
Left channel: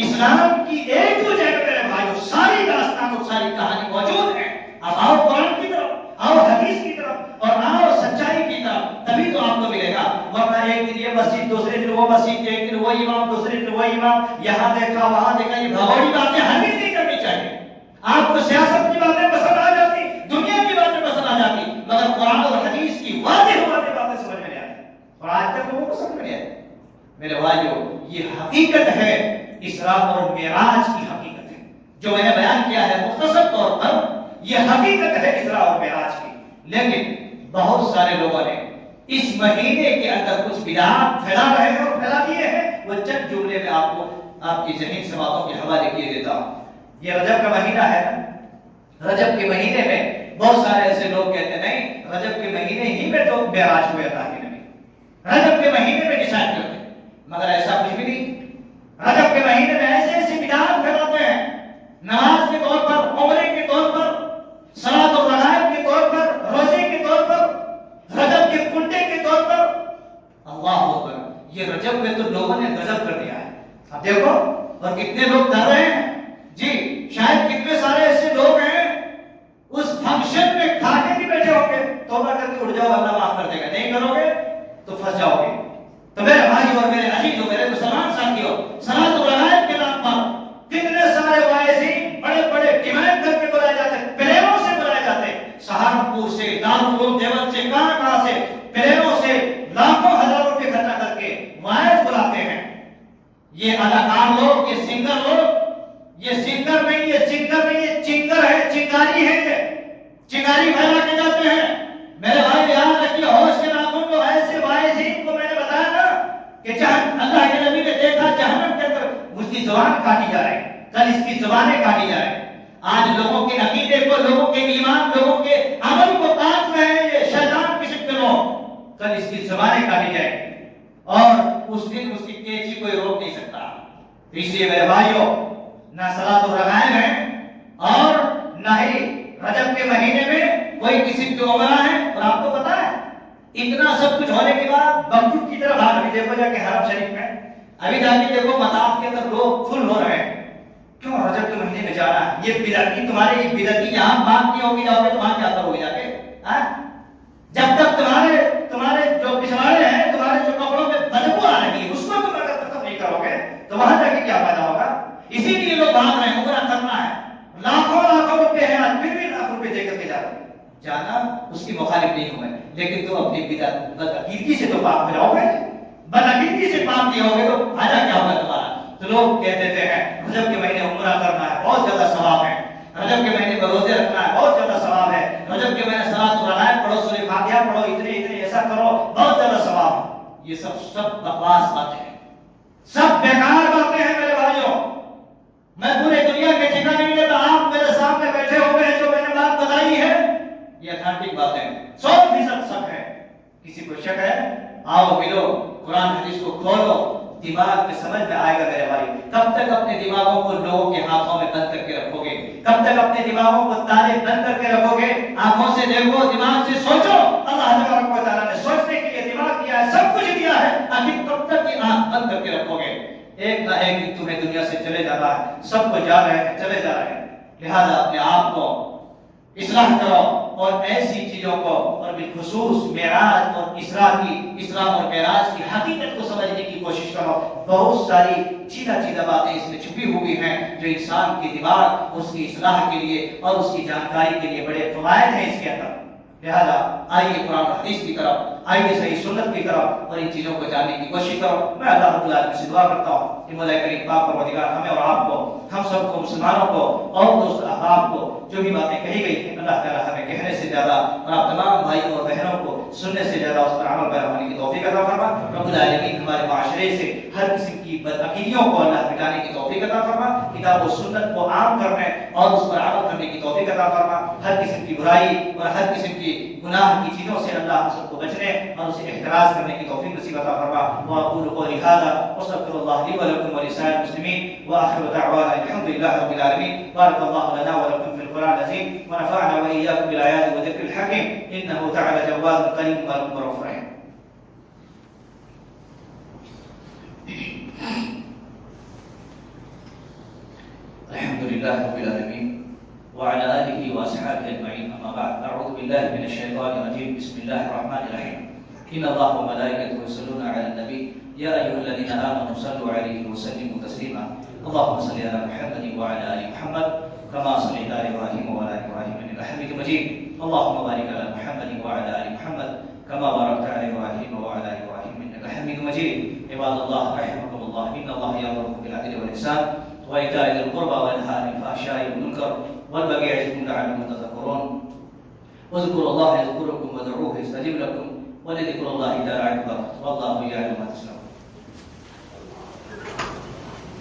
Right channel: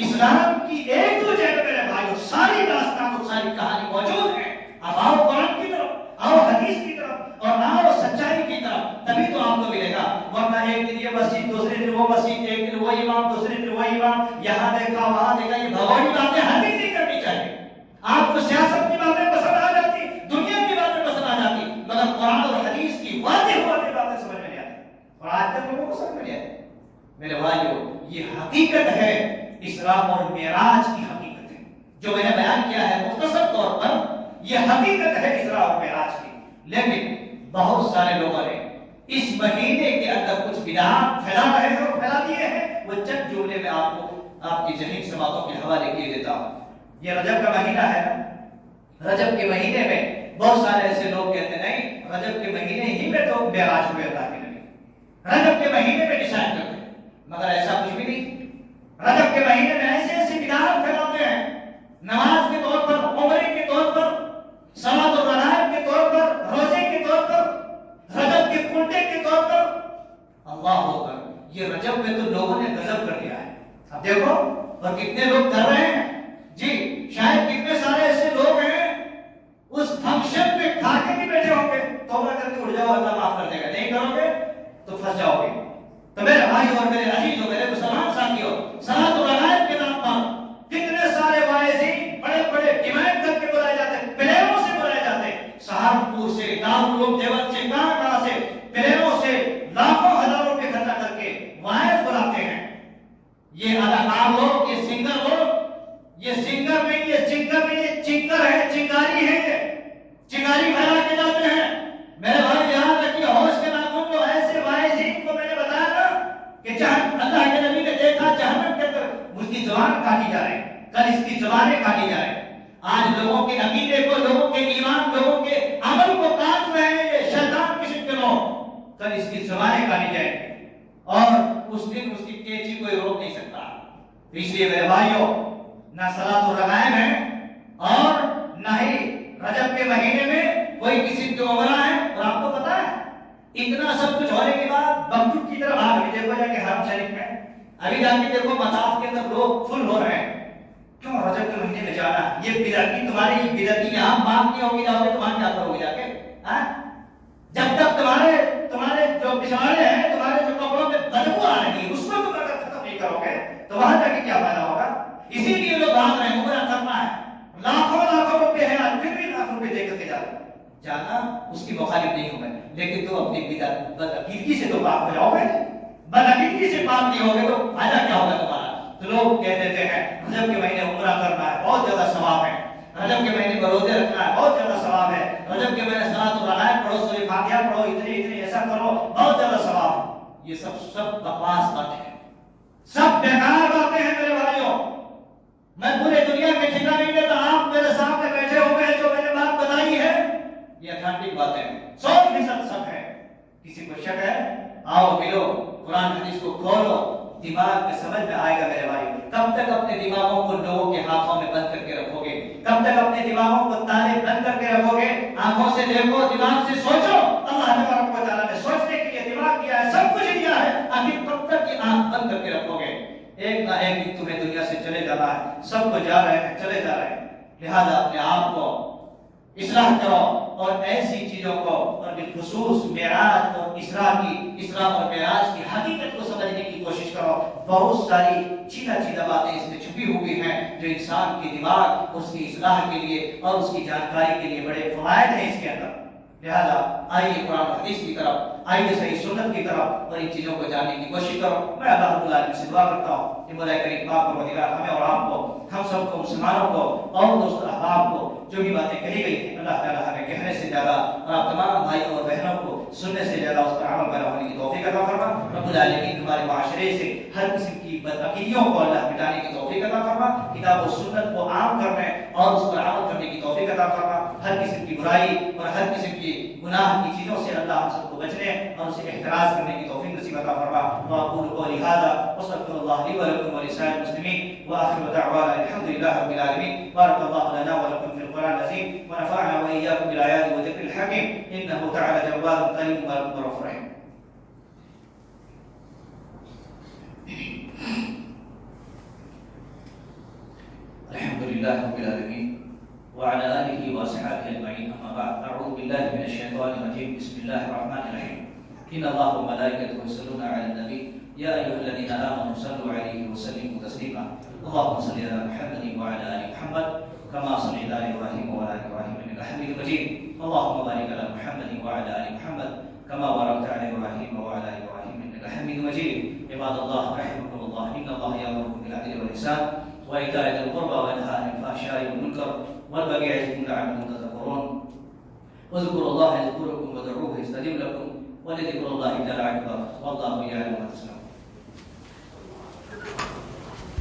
اسلام کی ایک دو جگہ میرے بھائیو ساری داستان اور ساری کہانی موجود ہے۔ اب آؤ قرآن کی طرف، آؤ حدیث کی طرف، اور آؤ سچائی کی طرف، تبھی تو آپ کو ملے گا۔ ورنہ ایک دن یہ مسجد، دوسرے دن وہ مسجد، ایک دن وہ امام، دوسرے دن وہ امام، یہاں دیکھا وہاں دیکھا، یہ بھگوڑی باتیں ہرگز نہیں کرنی چاہیے۔ آپ کو سیاست کی باتیں پسند آ جاتی، دنیا کی باتیں پسند آ جاتی، مگر قرآن اور حدیث کی واضح باتیں سمجھ میں نہیں آتی، اور آج تک لوگوں کو سمجھ میں نہیں آتی۔ میرے بھائیو، یہ حقیقت ہے، اسراء اور معراج کی حقیقت ہے جو میں نے بیان کیا ہے مختصر طور پر۔ یہ حقیقت ہے اسراء اور معراج کی، لیکن بہت سارے لوگوں نے اس مہینے کے اندر کچھ بدعات پھیلا رہے ہیں اور پھیلا دیے ہیں۔ وہ چند جملے میں آپ کو آپ کی ذہین سے باتوں کے حوالے کیے دیتا ہوں۔ یہ رجب کا مہینہ ہے، رجب کے مہینے میں بہت سارے ایسے لوگ کہتے ہیں نہیں، رجب کے مہینے ہی میں تو معراج ہوئے اللہ کے نبی، رجب کے مہینے میں ڈسائڈ کرتے ہیں، مگر ایسا کچھ بھی نہیں۔ رجب کے مہینے میں ایسے ایسے بدعات پھیلاتے ہیں، نماز کے طور پر، عمرے کے طور پر، صلاۃ الرغائب کے طور پر، روزے کے طور پر، رجب کے کنڈے کے طور پر۔ اللہ اکبر، یہ رجب میں تو لوگوں نے غضب کر دیا ہے۔ اب دیکھو اور کتنے لوگ کر رہے ہیں جی، شاید کتنے سارے ایسے لوگ ہیں اس فنکشن میں کھا کے بھی بیٹھے ہوں گے، توبہ کر کے اٹھ جاؤ اللہ معاف کر دے گا، نہیں کرو گے تو پھنس جاؤ گے۔ تو میرے بھائی اور میرے عزیزوں، میرے مسلمان ساتھیوں، صلاۃ الرغائب کے نام پر کتنے سارے واعظین بڑے بڑے ڈیمانڈ کر کے بلائے جاتے ہیں، پلیروں سے بلائے جاتے ہیں، سہارنپور سے، دارالعلوم دیوبند سے، کہاں سے، پلیروں سے لاکھوں ہزاروں روپے خرچہ کر کے واعظ بلاتے ہیں۔ یہ اداکار لوگ، یہ سنگر لوگ، یہ سنگر نہیں، یہ چنگر نہیں، یہ چنگر ہے، چنگاری ہے، یہ چنگاری پھیلا کے جاتے ہیں۔ میرے بھائی یاد رکھیے، ہوش کے ناخن جو ایسے واعظین کو میں نے بتایا نا کہ جہاں اللہ کے نبی نے دیکھا جہنم کے اندر اس کی زبان کاٹی جا رہی ہے، کل اس کی زبانیں کاٹی جا رہی ہیں۔ آج لوگوں کے عقیدے کو، لوگوں کے ایمان، لوگوں کے عمل کو کاٹ رہے ہیں یہ شیطان کی شکل میں، کل اس کی زبانیں کاٹی جائیں گی اور اس دن اس کی کینچی کوئی روک نہیں سکتا۔ تو اس لیے میرے بھائیوں، نہ صلاۃ الرغائب ہے اور نہ ہی رجب کے مہینے میں کوئی قسم کی عمرہ ہے۔ اور آپ کو پتا ہے اتنا سب کچھ ہونے کے بعد بغداد کی طرف آ گئی، دیکھو جا کے حرم شریف میں ابھی جا کے دیکھو مطاف کے اندر لوگ فل ہو رہے ہیں، کیوں رجب کے مہینے میں جانا ہے؟ یہ بدعتی، تمہارے یہ بدعتی یہاں بات نہیں ہوگی، جاؤ گے تو وہاں کیا کرو گے جا کے؟ جب تک تمہارے جو پچھواڑے ہیں، تمہارے جو کپڑوں میں بدبو آ رہی ہے، اس کو تم اگر ختم نہیں کرو گے تو وہاں جا کے کیا فائدہ ہوگا؟ اسی لیے لوگ بھاگ رہے ہیں، عمرہ کرنا ہے، لاکھوں روپے ہیں، پھر بھی لاکھ روپے دے کر کے جانا اس کی مخالف نہیں ہوں گے، لیکن تم اپنی بدعقیدگی سے تو پاک ہو جاؤ گے، بدعقیدگی سے پاک نہیں ہوگے تو فائدہ کیا ہوگا تمہارا؟ تو لوگ کہہ دیتے ہیں رجب کے مہینے عمرہ کرنا ہے، بہت زیادہ ثواب ہے، رجب کے مہینے میں روزے رکھنا ہے، بہت زیادہ ثواب ہے، رجب کے مہینے صلاۃ الرغائب پڑھو، سورہ فاتحہ پڑھو، اتنے ایسا کرو، بہت زیادہ ثواب ہے۔ یہ سب بکواس باتیں ہیں، سب بیکار باتیں ہیں میرے بھائیوں۔ میں پورے دنیا میں ٹھیکہ نہیں لیتا، آپ میرے سامنے بیٹھے ہوئے ہیں، جو میں نے بات بتائی ہے یہ اتھینٹک باتیں ہیں، 100% سب ہے۔ کسی کو شک ہے؟ آؤ ملو، قرآن حدیث کو کھولو، دماغ میں سمجھ میں آئے گا میرے بھائی۔ کب تک اپنے دماغوں کو لوگوں کے ہاتھوں میں بند کر کے رکھو گے؟ کب تک اپنے دماغوں کو تالے بند کر کے رکھو گے؟ آنکھوں سے دیکھو، دماغ سے سوچو۔ اللہ تبارک و تعالیٰ نے سوچنے کے لیے دماغ دیا ہے، سب کچھ دیا ہے، آخر کب تک یہ آنکھ بند کر کے رکھو گے؟ ایک نہ ایک دن تمہیں دنیا سے چلے جانا ہے، سب کو جا رہے ہیں، چلے جا رہے ہیں، لہذا اپنے آپ کو اصلاح کرو اور ایسی چیزوں کو، اور بالخصوص معراج اور اسراء اور معراج کی حقیقت کو سمجھنے کی کوشش کرو۔ بہت ساری چیدہ باتیں اس میں چھپی ہوئی ہیں جو انسان کے دماغ، اس کی اصلاح کے لیے اور اس کی جانکاری کے لیے بڑے فوائد ہیں اس کے اندر۔ لہذا آئیے قرآن حدیث کی طرف، آئیے صحیح سنت کی طرف اور ان چیزوں کو جاننے کی کوشش کرو۔ میں اللہ رب العالمین سے دعا کرتا ہوں کہ مولا کریم پاک پروردگار ہمیں اور آپ کو، ہم سب کو، مسلمانوں کو اور دوست احباب کو جو بھی باتیں کہی گئی ہیں، اللہ تعالیٰ ہمیں کہنے سے زیادہ اور آپ تمام بھائیوں اور بہنوں کو سننے سے زیادہ اس پر عمل پیرا ہونے کی توفیق عطا فرما رب العالمین ہمارے معاشرے سے ہر قسم کی بدعقیدیوں کو اللہ مٹانے کی توفیق عطا فرما کتاب و سنت کو عام کرنے اور اس پر عمل کرنے کی توفیق عطا فرما ہر قسم کی برائی اور ہر قسم کی گناہ کی چیزوں سے اللہ ہم سب کو بچنے اور اسے احتراز کرنے کی توفیق نصیب عطا فرما واقول قولی ھذا واستغفر الله لي ولكم ولسائر المسلمين واخر دعوانا الحمد لله رب العالمين بارك الله لنا ولكم في القرآن العظيم ونفعنا واياكم بالايات والذكر الحكيم انه تعالى جواد كريم ورب رحيم. الحمد لله رب العالمين وعلى آله وأصحابه أجمعين أما بعد أعوذ بالله من الشيطان الرجيم بسم الله الرحمن الرحيم إن الله وملائكته يصلون على النبي يا أيها الذين آمنوا صلوا عليه وسلموا تسليما اللهم صل على محمد وعلى آل محمد كما صليت على إبراهيم وعلى آل إبراهيم إنك حميد مجيد اللهم بارك على محمد وعلى آل محمد كما باركت على إبراهيم وعلى آل إبراهيم إنك حميد مجيد عباد الله رحمكم الله إن الله يأمركم بالعدل والإحسان وإيتاء ذي القربى وينهى عن الفحشاء والمنكر والبغي يعظكم لعلكم تذكرون واذكروا الله يذكركم وادعوه يستجب لكم ولذكر الله تعالى